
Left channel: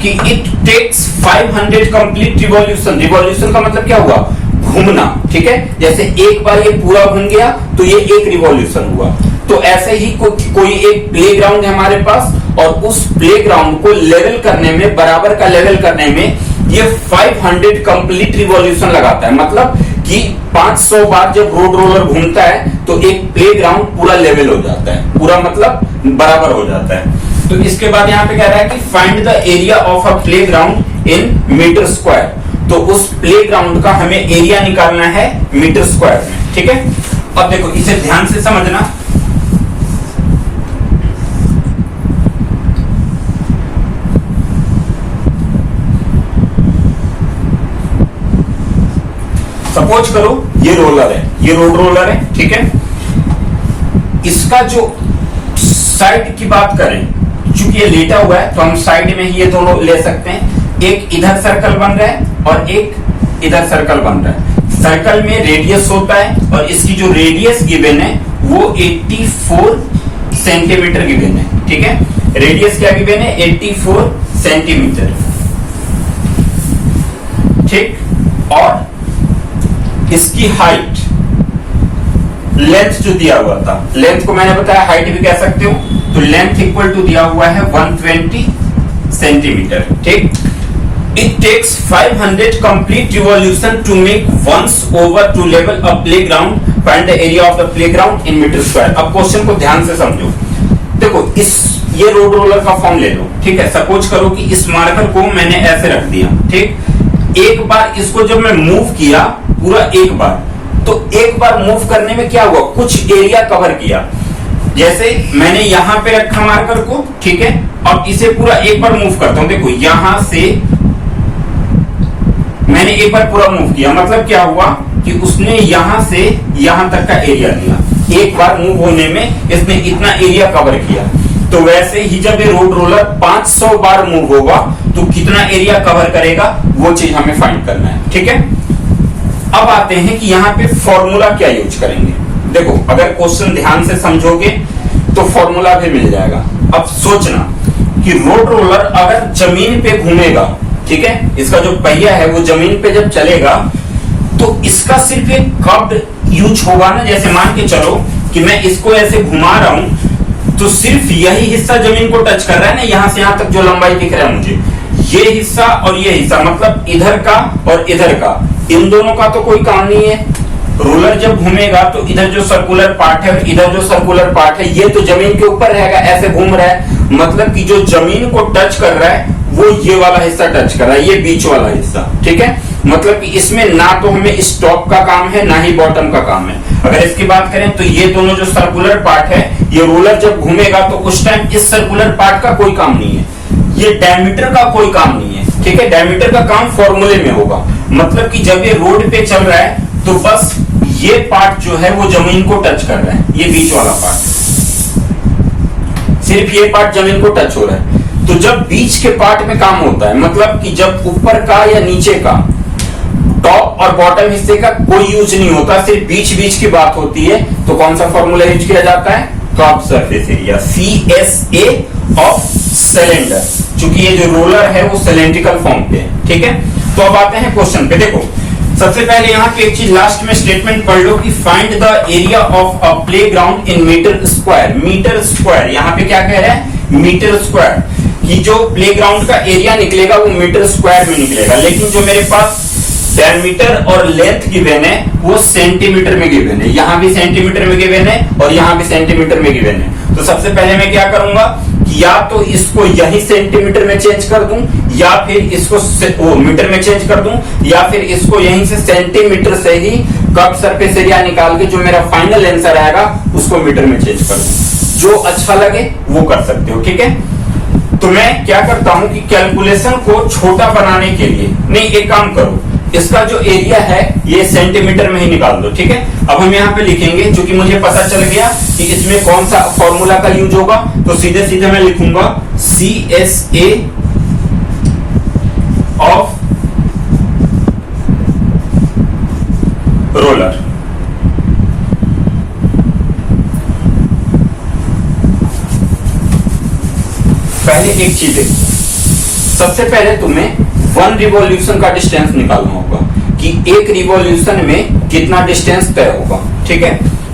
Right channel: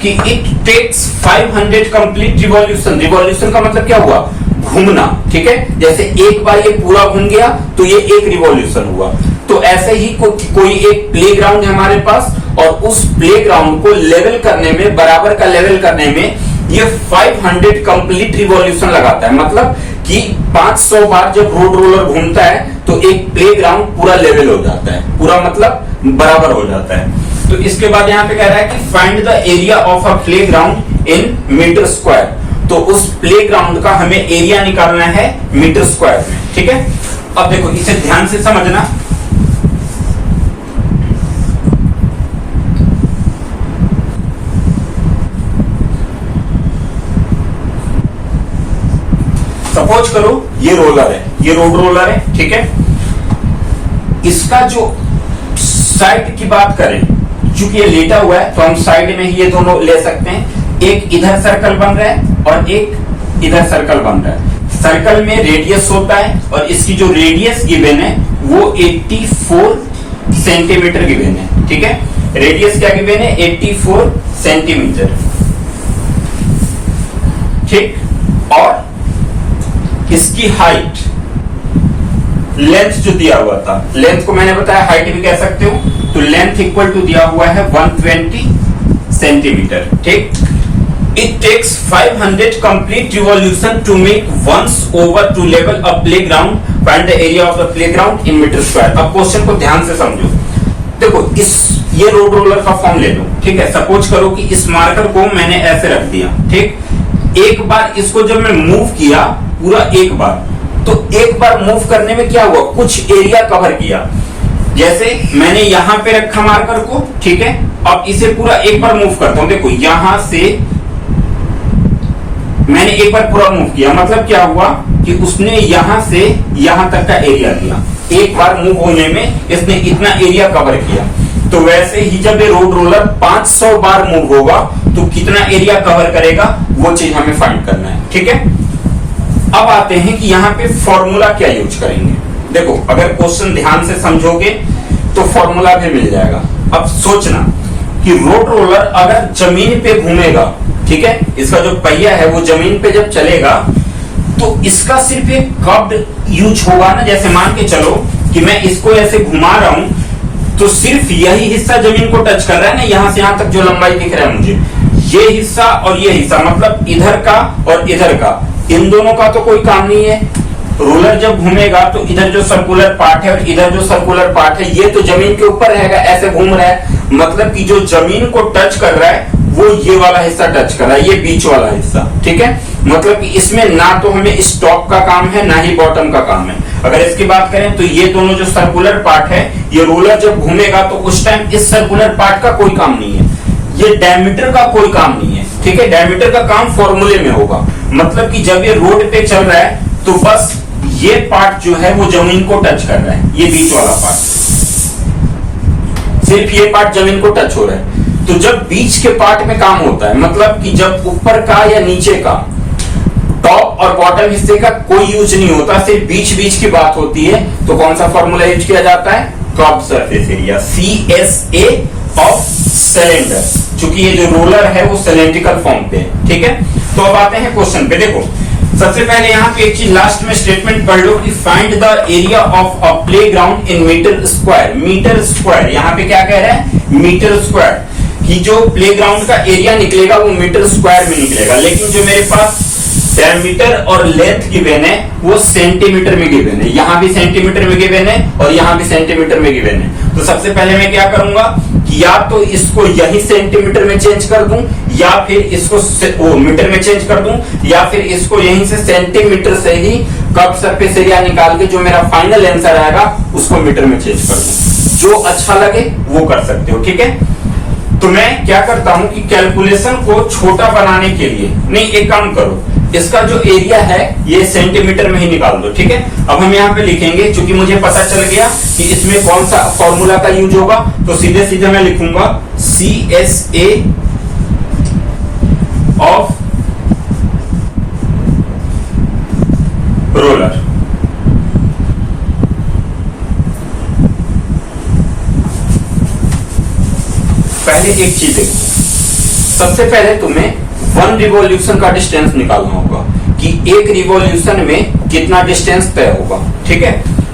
कि it takes 500 complete revolution। Revolution का मतलब क्या हुआ, घूमना। ठीक है, जैसे एक बार ये पूरा घूम गया तो ये एक रिवॉल्यूशन हुआ। तो ऐसे ही कोई एक प्लेग्राउंड है हमारे पास और उस प्लेग्राउंड को लेवल करने में, बराबर का लेवल करने में ये 500 कंप्लीट रिवॉल्यूशन लगाता है। मतलब कि 500 बार जब रोड रोलर घूमता है तो एक प्लेग्राउंड पूरा लेवल हो जाता है, पूरा मतलब बराबर हो जाता है। तो इसके बाद यहाँ पे कह रहा है कि find the area of a playground in metre square. तो उस प्लेग्राउंड का हमें एरिया निकालना है मीटर स्क्वायर में। ठीक है, अब देखो इसे ध्यान से समझना। सपोज करो ये रोलर है, ये रोड रोलर है। ठीक है, इसका जो साइड की बात करें, चूंकि ये लेटा हुआ है तो हम साइड में ही ये दोनों ले सकते हैं। एक इधर सर्कल बन रहा है और एक इधर सर्कल बन रहा है। सर्कल में रेडियस होता है और इसकी जो रेडियस गिवन है वो 84 सेंटीमीटर गिवन है। ठीक है, रेडियस क्या गिवन है, 84 सेंटीमीटर। ठीक, और इसकी हाइट, लेंथ जो दिया हुआ था, लेंथ को मैंने बताया हाइट भी कह सकते हो, तो लेंथ इक्वल टू दिया हुआ है 120 सेंटीमीटर, ठीक। It takes 500 complete revolution to make once over to level a playground. Find the area of the playground in meter square. अब क्वेश्चन को ध्यान से समझो। देखो ये रोड रोलर का फॉर्म ले लो, ठीक है। सपोज करो कि इस मार्कर को मैंने ऐसे रख दिया, ठीक। एक बार इसको जब मैं मूव किया पूरा एक बार, तो एक बार मूव करने में क्या हुआ, कुछ एरिया कवर किया। जैसे मैंने यहां पे रखा मार्कर को, ठीक है। अब इसे पूरा एक बार मूव करता हूं। देखो यहां से मैंने एक बार पूरा मूव किया, मतलब क्या हुआ कि उसने यहां से यहां तक का एरिया लिया। एक बार मूव होने में इसने इतना एरिया कवर किया। तो वैसे ही जब ये रोड रोलर 500 बार मूव होगा तो कितना एरिया कवर करेगा, वो चीज हमें फाइंड करना है, ठीक है। अब आते हैं कि यहाँ पे फॉर्मूला क्या यूज करेंगे। देखो अगर क्वेश्चन ध्यान से समझोगे तो फॉर्मूला भी मिल जाएगा। अब सोचना कि रोड रोलर अगर जमीन पे घूमेगा, ठीक है, इसका जो पहिया है वो जमीन पे जब चलेगा तो इसका सिर्फ एक कर्व्ड यूज होगा ना। जैसे मान के चलो कि मैं इसको ऐसे घुमा रहा हूं तो सिर्फ यही हिस्सा जमीन को टच कर रहा है ना, यहां से यहां तक जो लंबाई दिख रहा है मुझे, ये हिस्सा और ये हिस्सा, मतलब इधर का और इधर का, इन दोनों का तो कोई काम नहीं है। रोलर जब घूमेगा तो इधर जो सर्कुलर पार्ट है और इधर जो सर्कुलर पार्ट है ये तो जमीन के ऊपर रहेगा, ऐसे घूम रहा है, मतलब कि जो जमीन को टच कर रहा है वो ये वाला हिस्सा टच कर रहा है, ये बीच वाला हिस्सा, ठीक है। मतलब कि इसमें ना तो हमें इस टॉप का काम है ना ही बॉटम का काम है। अगर इसकी बात करें तो ये दोनों जो सर्कुलर पार्ट है, ये रोलर जब घूमेगा तो उस टाइम इस सर्कुलर पार्ट का कोई काम नहीं है, ये डायमीटर का कोई काम नहीं है, ठीक है। डायमीटर का काम फॉर्मूले में होगा। मतलब कि जब ये रोड पे चल रहा है तो बस ये पार्ट जो है वो जमीन को टच कर रहा है, ये बीच वाला पार्ट, सिर्फ ये पार्ट जमीन को टच हो रहा है। तो जब बीच के पार्ट में काम होता है, मतलब कि जब ऊपर का या नीचे का, टॉप और बॉटम हिस्से का कोई यूज नहीं होता, सिर्फ बीच बीच की बात होती है, तो कौन सा फॉर्मूला यूज किया जाता है, curved surface area, CSA of cylinder. चूंकि ये जो रोलर है वो सिलेंड्रिकल फॉर्म पे है, ठीक है। तो अब आते हैं क्वेश्चन पे। देखो सबसे पहले यहाँ पे एक चीज लास्ट में स्टेटमेंट पढ़ लो कि find the area of a playground in metre square. Metre square यहाँ पे क्या कह रहा है, मीटर स्क्वायर, कि जो प्लेग्राउंड का एरिया निकलेगा वो मीटर स्क्वायर में निकलेगा। लेकिन जो मेरे पास डायमीटर और लेंथ गिवन है वो सेंटीमीटर में गिवन है, यहाँ भी सेंटीमीटर में गिवन है और यहाँ भी सेंटीमीटर में गिवन है। तो सबसे पहले मैं क्या करूंगा कि या तो इसको यही सेंटीमीटर में चेंज कर दूं या फिर इसको मीटर में चेंज कर दूं, या फिर इसको यहीं से सेंटीमीटर से ही कर्व्ड सरफेस एरिया निकाल के जो मेरा फाइनल आंसर आएगा उसको मीटर में चेंज कर दूं। जो अच्छा लगे वो कर सकते हो, ठीक है। तो मैं क्या करता हूं कि कैलकुलेशन को छोटा बनाने के लिए, नहीं एक काम करो, इसका जो एरिया है ये सेंटीमीटर में ही निकाल दो, ठीक है। अब हम यहाँ पे लिखेंगे, क्योंकि मुझे पता चल गया कि इसमें कौन सा फॉर्मूला का यूज होगा, तो सीधे सीधे मैं लिखूंगा CSA ऑफ रोलर। पहले एक चीज देखो, सबसे पहले तुम्हें 1 रिवॉल्यूशन का डिस्टेंस निकालना होगा कि एक रिवॉल्यूशन में कितना डिस्टेंस तय होगा, ठीक है।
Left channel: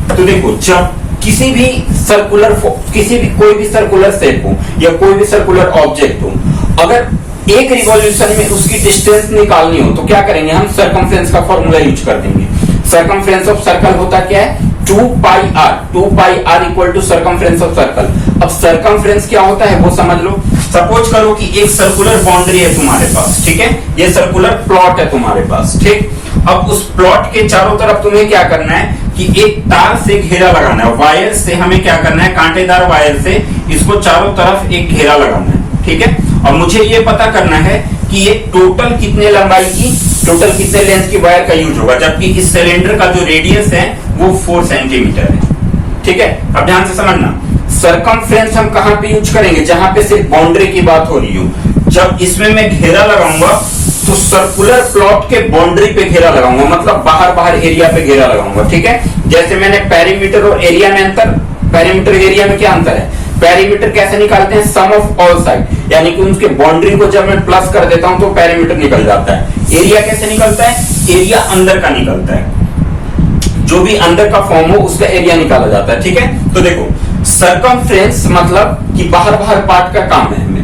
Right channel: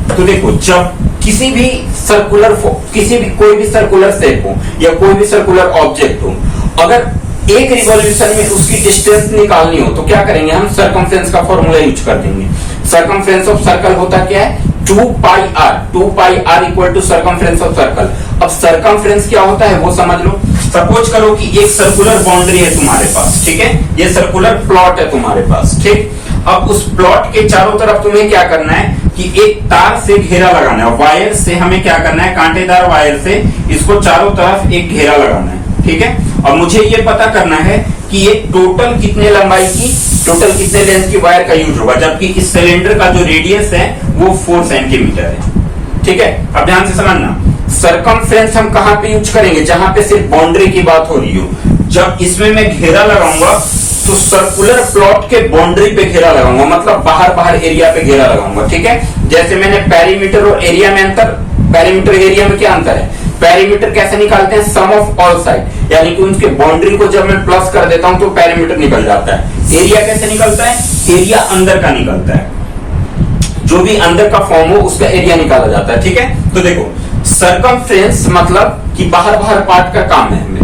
तो देखो जब किसी भी सर्कुलर, कोई भी सर्कुलर शेप हो या कोई भी सर्कुलर ऑब्जेक्ट हो, अगर एक रिवॉल्यूशन में उसकी डिस्टेंस निकालनी हो तो क्या करेंगे, हम सर्कमफ्रेंस का फॉर्मूला यूज कर देंगे। सर्कमफ्रेंस ऑफ सर्कल होता क्या है, 2πr equal to circumference of circle. अब सर्कमफ्रेंस क्या होता है वो समझ लो। सपोज करो कि एक सर्कुलर बाउंड्री है तुम्हारे पास, ठीक है, ये सर्कुलर प्लॉट है तुम्हारे पास, ठीक। अब उस प्लॉट के चारों तरफ तुम्हें क्या करना है कि एक तार से घेरा लगाना है, वायर से हमें क्या करना है, कांटेदार वायर से इसको चारों तरफ एक घेरा लगाना है, ठीक है। अब मुझे ये पता करना है कि ये टोटल कितने लंबाई की, टोटल कितने लेंथ की वायर का यूज होगा, जबकि इस सिलेंडर का जो रेडियस है वो 4 सेंटीमीटर है, ठीक है। अब ध्यान से समझना, सर्कमफ्रेंस हम कहां पे यूज करेंगे, जहां पे सिर्फ बाउंड्री की बात हो रही हो। जब इसमें मैं घेरा लगाऊंगा तो सर्कुलर प्लॉट के बाउंड्री पे घेरा लगाऊंगा, मतलब बाहर बाहर एरिया पे घेरा लगाऊंगा, ठीक है। जैसे मैंने पेरीमीटर और एरिया में अंतर, पेरीमीटर एरिया में क्या अंतर है, पेरीमीटर कैसे निकालते हैं, सम ऑफ ऑल साइड, यानी कि उनके बाउंड्री को जब मैं प्लस कर देता हूं तो पेरीमीटर निकल जाता है। एरिया कैसे निकलता है, एरिया अंदर का निकलता है, जो भी अंदर का फॉर्म हो उसका एरिया निकाला जाता है, ठीक है। तो देखो सरकमफ्रेंस मतलब कि बाहर पार्ट का काम है हमें।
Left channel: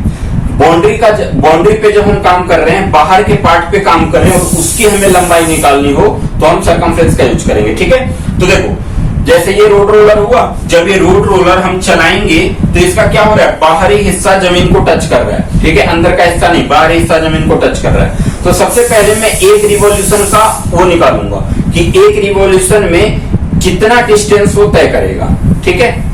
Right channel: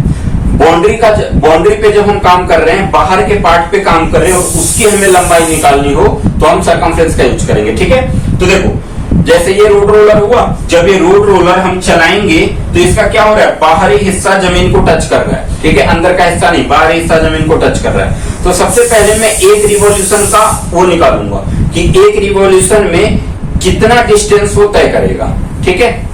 बाउंड्री पे जब हम काम कर रहे हैं, बाहर के पार्ट पे काम कर रहे हैं और उसकी हमें लंबाई निकालनी हो तो हम सरकमफ्रेंस का यूज करेंगे। ठीक है, तो देखो जैसे ये रोड रोलर हुआ, जब ये रोड रोलर हम चलाएंगे तो इसका क्या हो रहा है, बाहरी हिस्सा जमीन को टच कर रहा है। ठीक है, अंदर का हिस्सा नहीं, बाहरी हिस्सा जमीन को टच कर रहा है। तो सबसे पहले मैं एक रिवॉल्यूशन का वो निकालूंगा कि एक रिवॉल्यूशन में कितना डिस्टेंस वो तय करेगा। ठीक है,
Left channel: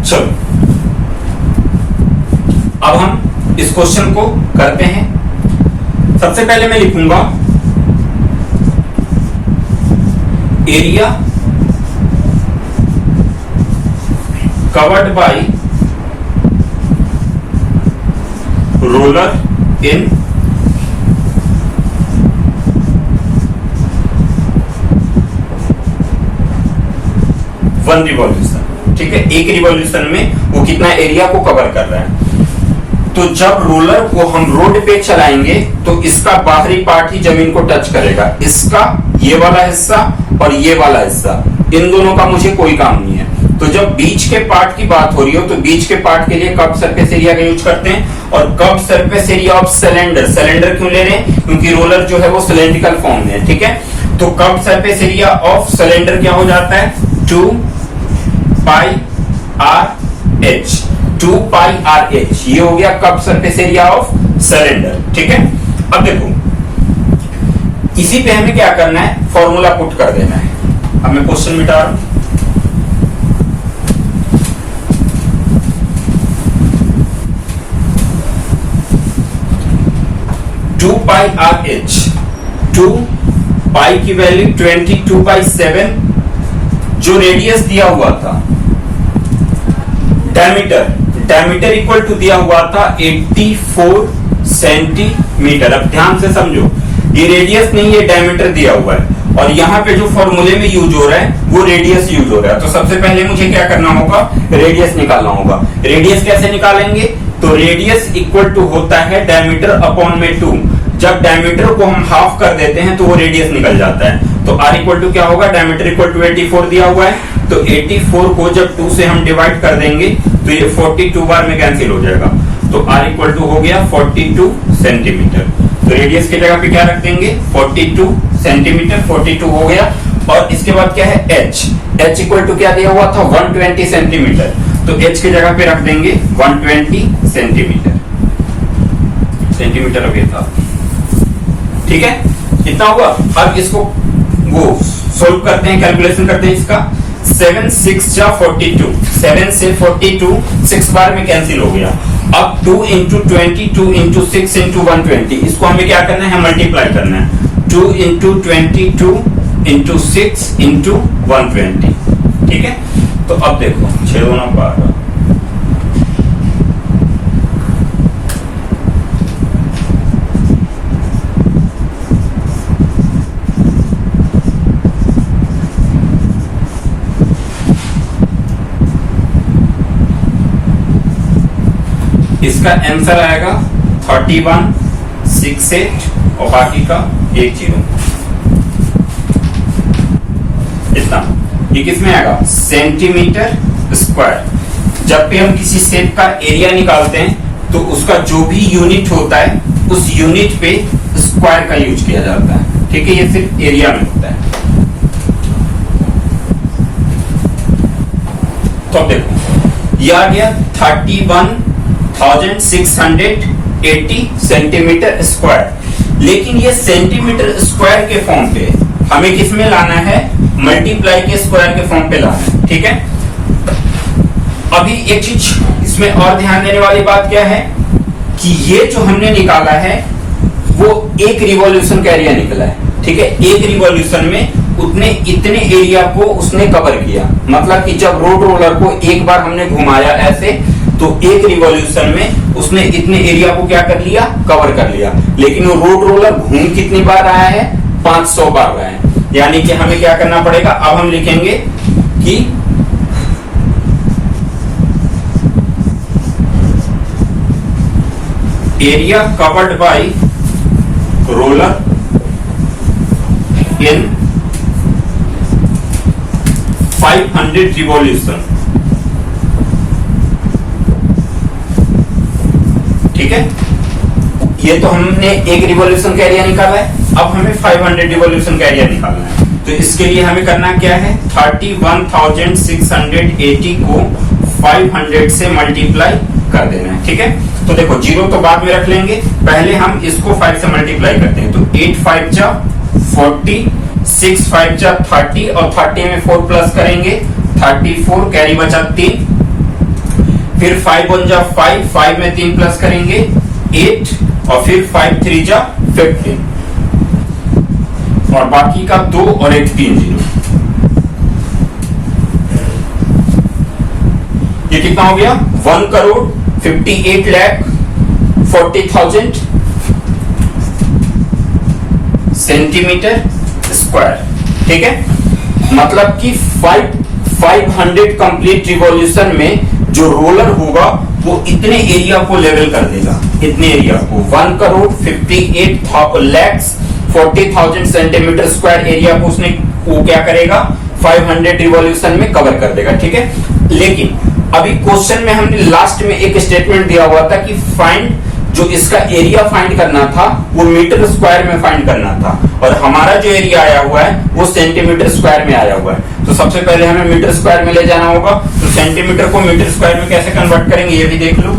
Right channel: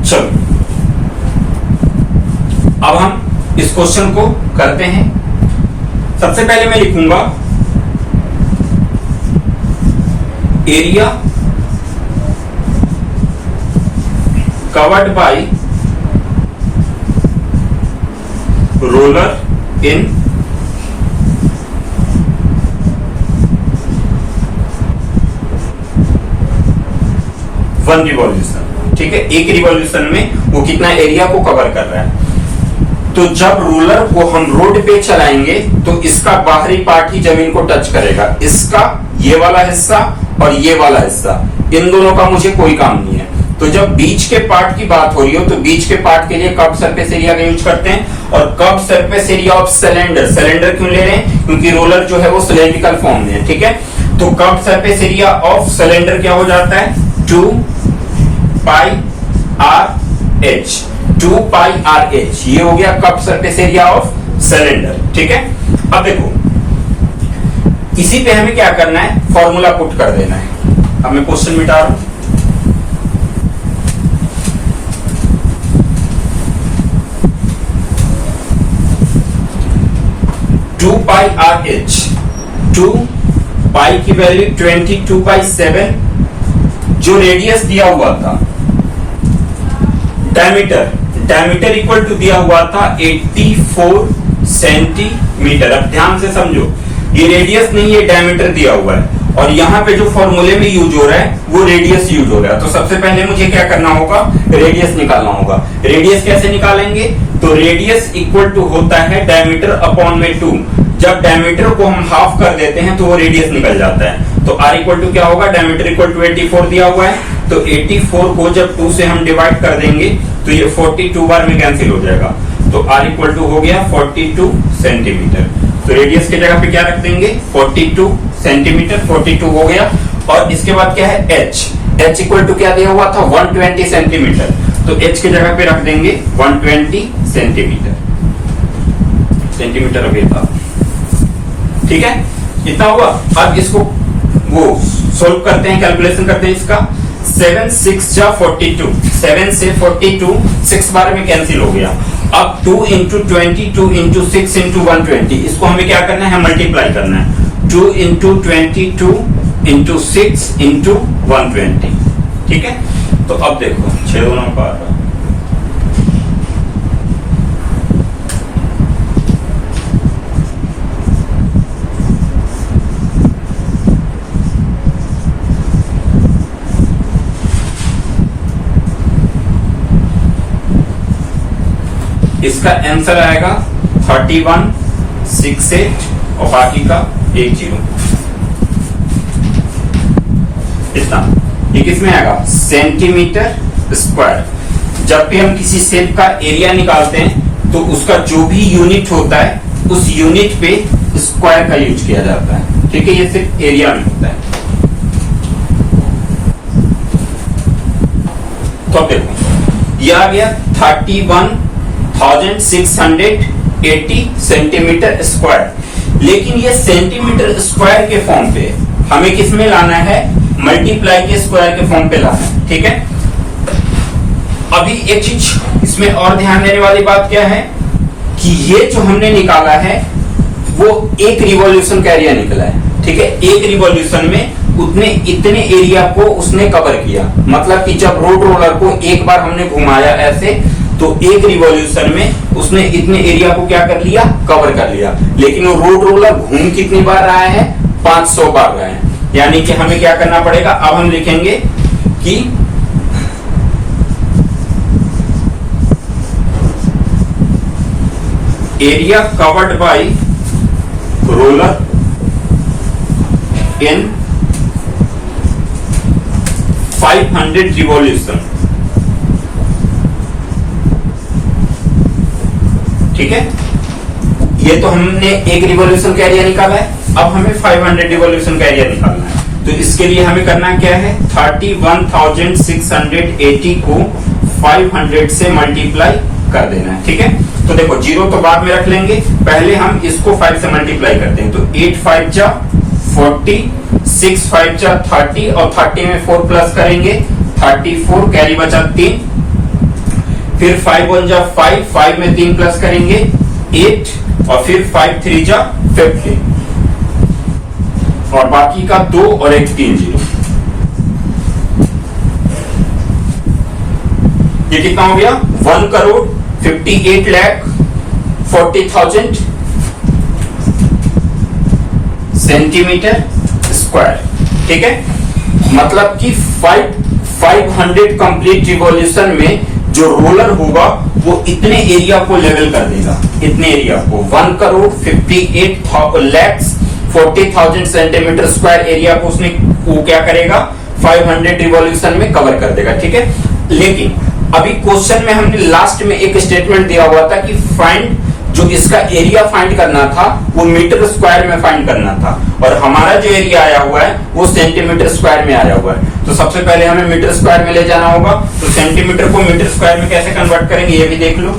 चलो अब हम इस क्वेश्चन को करते हैं। सबसे पहले मैं लिखूंगा area covered by roller in one revolution. ठीक है, एक रिवॉल्यूशन में वो कितना एरिया को कवर कर रहा है। तो जब रोलर को हम रोड पे चलाएंगे तो इसका बाहरी पार्ट ही जमीन को टच करेगा, इसका ये वाला हिस्सा और ये वाला हिस्सा, इन दोनों का मुझे कोई काम नहीं है। तो जब बीच के पार्ट की बात हो रही हो तो बीच के पार्ट के लिए कर्व सरफेस एरिया का यूज करते हैं। और curve surface area of cylinder, cylinder क्यों ले रहे हैं, क्योंकि रोलर जो है वो सिलेंड्रिकल फॉर्म में है। ठीक है, तो curve surface area of cylinder क्या हो जाता है, 2 पाई आर एच, 2 पाई आर एच, ये हो गया curve surface area of cylinder. ठीक है, अब देखो इसी पे हमें क्या करना है, फॉर्मूला पुट कर देना है। अब मैं क्वेश्चन मिटा रहा हूं। टू पाई आर एच, 2 पाई की वैल्यू 22/7, जो रेडियस दिया हुआ था, डायमीटर इक्वल टू दिया हुआ था 84 सेंटीमीटर। अब ध्यान से समझो, ये रेडियस नहीं, ये डायमीटर दिया हुआ है और यहाँ पे जो फॉर्मूले में यूज हो रहा है वो रेडियस यूज हो रहा है। तो सबसे पहले मुझे क्या करना होगा, रेडियस निकालना होगा। रेडियस कैसे निकालेंगे, तो रेडियस इक्वल टू होता है डायमीटर अपॉन में 2। जब डायमीटर को हम हाफ कर देते हैं तो वो रेडियस निकल जाता है। तो r इक्वल टू क्या होगा, डायमीटर इक्वल टू 84 दिया हुआ है, तो 84 को जब 2 से हम डिवाइड कर देंगे तो ये 42 बार में कैंसिल हो जाएगा। तो r इक्वल टू हो गया 42 सेंटीमीटर। तो रेडियस की जगह पे क्या रख देंगे, 42 सेंटीमीटर, 42 हो गया। और इसके बाद क्या है, h इक्वल टू क्या दिया हुआ था, 120 सेंटीमीटर। तो h की जगह पे रख देंगे 120 सेंटीमीटर अभी था। ठीक है, इतना हुआ। अब इसको वो सोल्व करते हैं, कैलकुलेशन करते हैं इसका। 7 6 जा 42, 7 से 42 6 बार में कैंसिल हो गया। अब 2 इंटू 20, 2 इंटू 6 इंटू 120, इसको हमें क्या करना है, मल्टीप्लाई करना है। 2 इंटू 20, 2 इंटू 6 इंटू 120। ठीक है, तो अब देखो 6 2 9 12, इसका आंसर आएगा 3168 और बाकी का 10। इतना, ये किसमें आएगा, सेंटीमीटर स्क्वायर। जब भी हम किसी शेप का एरिया निकालते हैं तो उसका जो भी यूनिट होता है उस यूनिट पे स्क्वायर का यूज किया जाता है। ठीक है, ये सिर्फ एरिया में होता है। तो अब देखो ये आ गया 31,680 सेंटीमीटर स्क्वायर। लेकिन ये सेंटीमीटर स्क्वायर के फॉर्म पे हमें किस में लाना है, मल्टीप्लाई के स्क्वायर के फॉर्म पे लाना है। ठीक है, अभी एक चीज इसमें और ध्यान देने वाली बात क्या है कि ये जो हमने निकाला है वो एक रिवॉल्यूशन का एरिया निकला है। ठीक है, एक रिवॉल्यूशन में इतने एरिया को उसने कवर किया। मतलब कि जब रोड रोलर को एक बार हमने घुमाया ऐसे, तो एक रिवॉल्यूशन में उसने इतने एरिया को क्या कर लिया, कवर कर लिया। लेकिन वो रोड रोलर घूम कितनी बार रहा है, 500 बार रहा है। यानी कि हमें क्या करना पड़ेगा, अब हम लिखेंगे कि area covered by roller in 500 revolution. ठीक है, ये तो हमने एक रिवॉल्यूशन का एरिया निकाला है, अब हमें 500 रिवॉल्यूशन का एरिया निकालना है। तो इसके लिए हमें करना क्या है, 31,680 को 500 से मल्टीप्लाई कर देना है। ठीक है, तो देखो जीरो तो बाद में रख लेंगे, पहले हम इसको 5 से मल्टीप्लाई करते हैं। तो 8 5 जा 40, 6 5 जा 30 और 30 में 4 प्लस करेंगे 34, कैरी बचा 3, फिर 5 1 जा 5, 5 में 3 प्लस करेंगे 8 और फिर 5 3 जा 15 और बाकी का 2 और एक 3 जीरो। ये कितना हो गया, 1,58,40,000 सेंटीमीटर स्क्वायर। ठीक है, मतलब कि 500 कंप्लीट रिवॉल्यूशन में जो रोलर होगा वो इतने एरिया को लेवल कर देगा, इतने एरिया को 1,58,40,000 सेंटीमीटर स्क्वायर एरिया को उसने वो क्या करेगा 500 रिवॉल्यूशन में कवर कर देगा। ठीक है, लेकिन अभी क्वेश्चन में हमने लास्ट में एक स्टेटमेंट दिया हुआ था कि फाइंड, जो इसका एरिया फाइंड करना था वो मीटर स्क्वायर में फाइंड करना था और हमारा जो एरिया आया हुआ है वो सेंटीमीटर स्क्वायर में आया हुआ है। तो सबसे पहले हमें मीटर स्क्वायर में ले जाना होगा। तो सेंटीमीटर को मीटर स्क्वायर में कैसे कन्वर्ट करेंगे ये भी देख लो।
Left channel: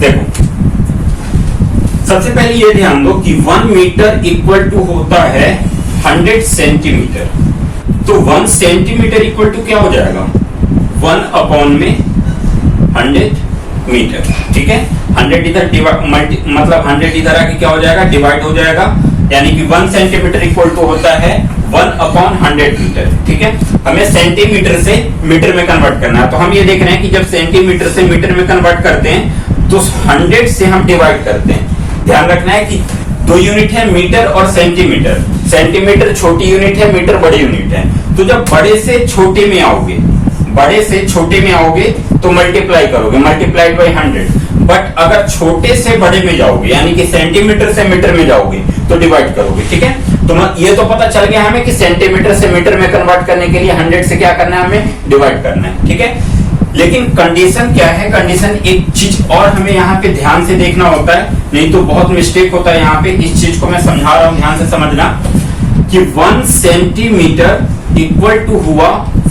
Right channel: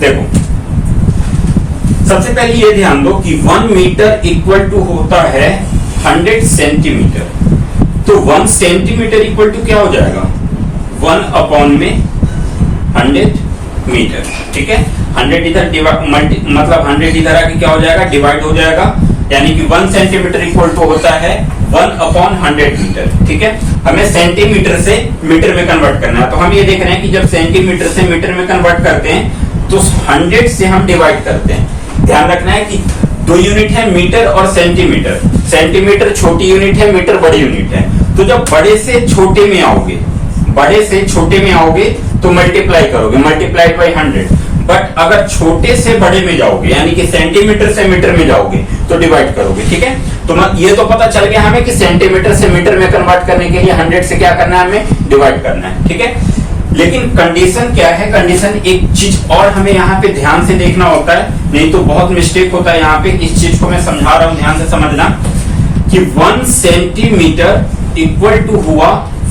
देखो सबसे पहले ये ध्यान दो कि 1 मीटर इक्वल टू होता है 100 सेंटीमीटर। तो 1 सेंटीमीटर इक्वल टू क्या हो जाएगा, 1 अपॉन में 100 मीटर। ठीक है, 100 इधर मतलब 100 इधर आके क्या हो जाएगा, डिवाइड हो जाएगा, यानी कि 1 सेंटीमीटर इक्वल टू होता है 1 अपॉन 100 मीटर। ठीक है, हमें सेंटीमीटर से मीटर में कन्वर्ट करना है। तो हम ये देख रहे हैं कि जब सेंटीमीटर से मीटर में कन्वर्ट करते हैं तो 100 से हम डिवाइड करते हैं। ध्यान रखना है कि 2 यूनिट है, मीटर और सेंटीमीटर। सेंटीमीटर छोटी यूनिट है, मीटर बड़ी यूनिट है। तो जब बड़े से छोटे में आओगे, बड़े से छोटे में आओगे तो मल्टीप्लाई करोगे, मल्टीप्लाइड बाई 100। बट अगर छोटे से बड़े में जाओगे यानी कि सेंटीमीटर से मीटर में जाओगे तो डिवाइड करोगे। ठीक है, तो ये तो पता चल गया हमें कि सेंटीमीटर से मीटर में कन्वर्ट करने के लिए 100 से क्या करना है, हमें डिवाइड करना है। ठीक है, लेकिन कंडीशन क्या है, कंडीशन एक चीज और हमें यहाँ पे ध्यान से देखना होता है, नहीं तो बहुत मिस्टेक होता है यहाँ पे। इस चीज को मैं समझा रहा हूँ, ध्यान से समझना कि 1 सेंटीमीटर इक्वल टू हुआ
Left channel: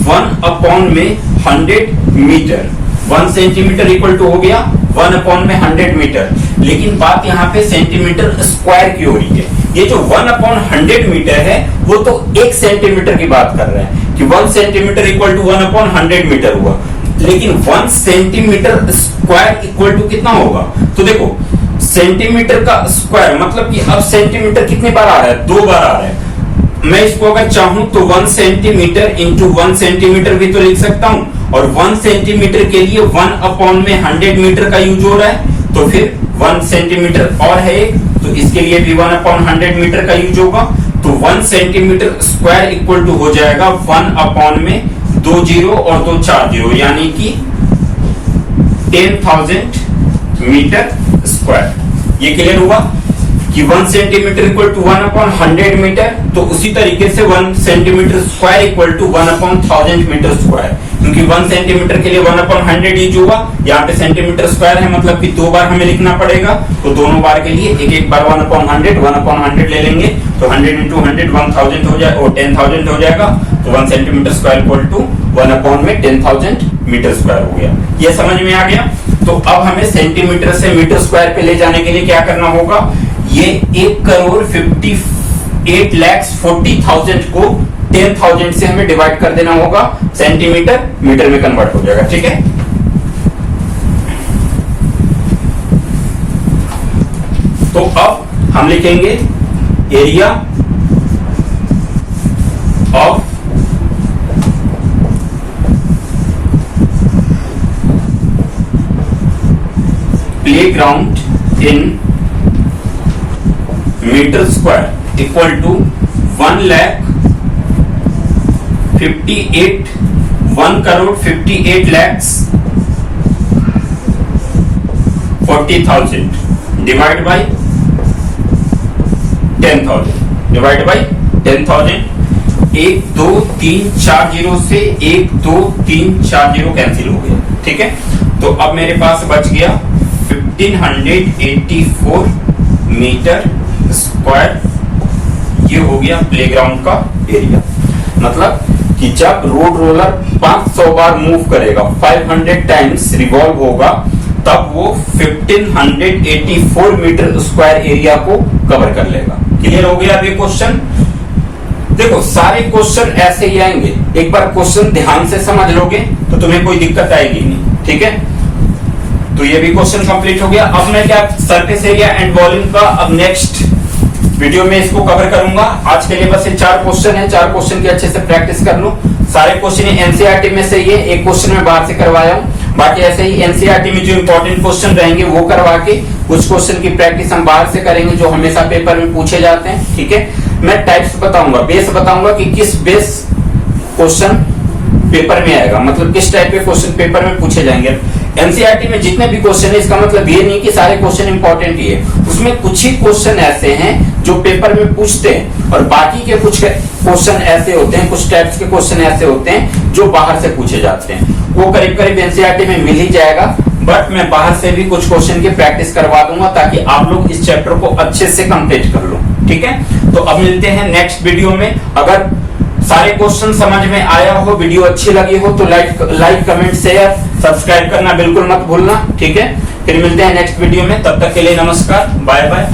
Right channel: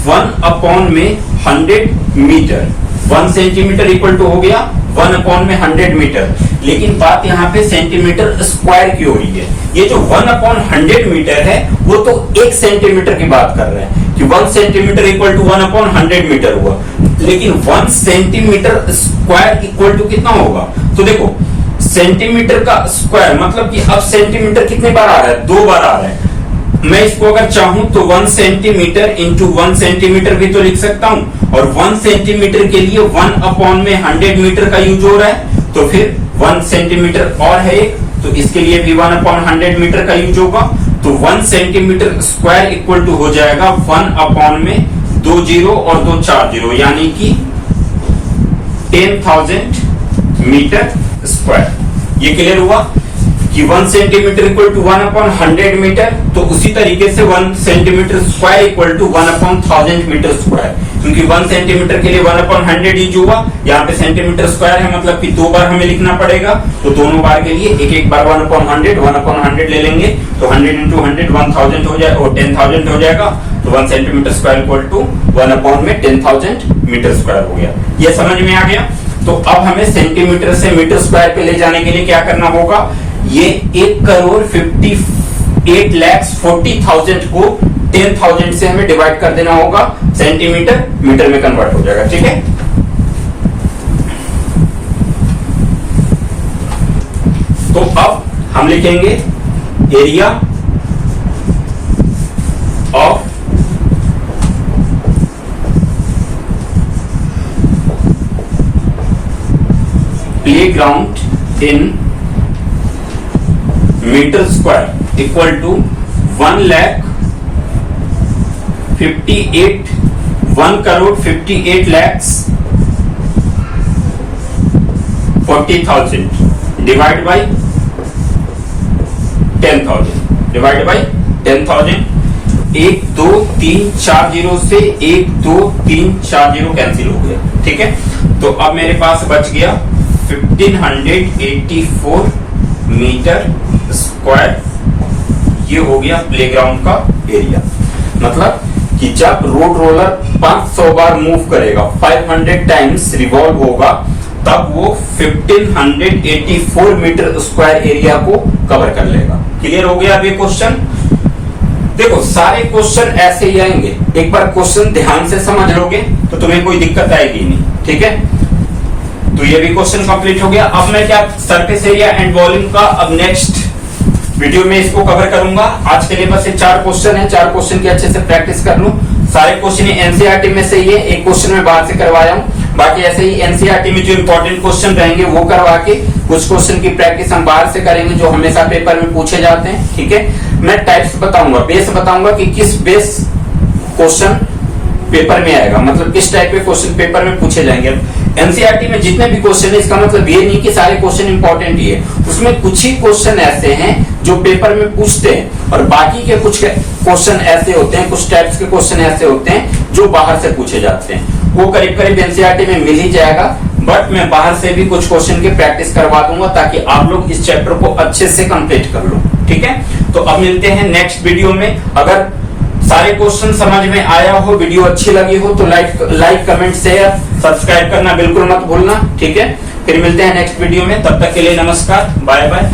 1 अपॉन में 100 मीटर। 1 सेंटीमीटर इक्वल टू हो गया 1 अपॉन में 100 मीटर। लेकिन बात यहाँ पे सेंटीमीटर स्क्वायर की हो रही है। ये जो 1 अपॉन 100 मीटर है वो तो 1 सेंटीमीटर की बात कर रहे हैं कि 1 centimetre equal to 1 upon 100 metre हुआ, लेकिन 1 सेंटीमीटर स्क्वायर इक्वल टू कितना होगा। तो देखो सेंटीमीटर का स्क्वायर मतलब कि अब सेंटीमीटर कितने बार आ रहा है, 2 बार आ रहा है। मैं इसको अगर चाहूं तो 1 सेंटीमीटर इंटू 1 सेंटीमीटर भी तो लिख सकता हूं, और 1 सेंटीमीटर के लिए 1 अपॉन में 100 मीटर का यूज हो रहा है, तो फिर 1 सेंटीमीटर और है एक, तो इसके लिए भी 1 अपॉन 100 मीटर का यूज होगा। तो 1 सेंटीमीटर स्क्वायर इक्वल टू हो जाएगा 1 अपॉन में 2 जीरो और 2 4 जीरो, यानी कि 10,000 मीटर स्क्वायर। ये क्लियर हुआ कि 1 centimetre equal to 1 upon 100 metre. तो उसी तरीके से 1 centimetre square equal to 1 upon 1000 metre square, क्योंकि 1 सेंटीमीटर के लिए 1 अपॉन 100 यूज हुआ, यहाँ पे सेंटीमीटर स्क्वायर है मतलब कि 2 बार हमें लिखना पड़ेगा। तो दोनों बार के लिए एक एक बार 1 अपॉन 100 ले लेंगे, तो 100 इंटू 100 1000 हो जाए और 10,000 हो जाएगा। तो 1 centimetre square equal to 1 upon में 10,000 मीटर स्क्वायर हो गया। ये समझ में आ गया। तो अब हमें सेंटीमीटर से मीटर स्क्वायर पे ले जाने के लिए क्या करना होगा, ये 1,58,40,000 को 10,000 से हमें डिवाइड कर देना होगा, सेंटीमीटर मीटर में कन्वर्ट हो जाएगा। ठीक है, तो अब हम लिखेंगे area of playground in metre square equal to 1,58,40,000 divide by 10,000 divide by 10,000। 1 2 3 4 zero से 1 2 3 4 जीरो कैंसिल हो गया, ठीक है। तो अब मेरे पास बच गया 1584 मीटर स्क्वायर। ये हो गया प्लेग्राउंड का एरिया। मतलब कि जब रोड रोलर 500 बार मूव करेगा, 500 टाइम्स रिवॉल्व होगा, तब वो 1584 मीटर स्क्वायर एरिया को कवर कर लेगा। क्लियर हो गया अब ये क्वेश्चन? देखो सारे क्वेश्चन ऐसे ही आएंगे, एक बार क्वेश्चन ध्यान से समझ लोगे तो तुम्हें कोई दिक्कत आएगी नहीं, ठीक है। तो ये भी क्वेश्चन कंप्लीट हो गया। अब मैं क्या सरफेस एरिया एंड वॉल्यूम का अब नेक्स्ट वीडियो में इसको कवर करूंगा। आज के लिए बस ये 4 क्वेश्चन है, 4 क्वेश्चन की अच्छे से प्रैक्टिस कर लो। सारे क्वेश्चन एनसीईआरटी में से ही है, एक क्वेश्चन में बाहर से करवाया हूं, बाकी ऐसे ही एनसीईआरटी में जो इंपॉर्टेंट क्वेश्चन रहेंगे वो करवा के कुछ क्वेश्चन की प्रैक्टिस हम बाहर से करेंगे जो हमेशा पेपर में पूछे जाते हैं, ठीक है। मैं टाइप्स बताऊंगा, बेस बताऊंगा कि किस बेस क्वेश्चन पेपर में आएगा, मतलब किस टाइप के क्वेश्चन पेपर में पूछे जाएंगे। एनसीईआरटी में जितने भी क्वेश्चन है इसका मतलब ये नहीं कि सारे क्वेश्चन इंपॉर्टेंट ही है, उसमें कुछ ही क्वेश्चन ऐसे हैं जो पेपर में पूछते हैं और बाकी के कुछ क्वेश्चन ऐसे होते हैं, कुछ टाइप्स के क्वेश्चन ऐसे होते हैं जो बाहर से पूछे जाते हैं। वो करीब करीब एनसीईआरटी में मिल ही जाएगा, बट मैं बाहर से भी कुछ क्वेश्चन की प्रैक्टिस करवा दूंगा ताकि आप लोग इस चैप्टर को अच्छे से कंप्लीट कर लो, ठीक है। तो अब मिलते हैं नेक्स्ट वीडियो में। अगर सारे क्वेश्चन समझ में आया हो, वीडियो अच्छी लगी हो तो लाइक कमेंट शेयर सब्सक्राइब करना बिल्कुल मत भूलना, ठीक है। फिर मिलते हैं नेक्स्ट वीडियो में, तब तक के लिए नमस्कार, बाय बाय।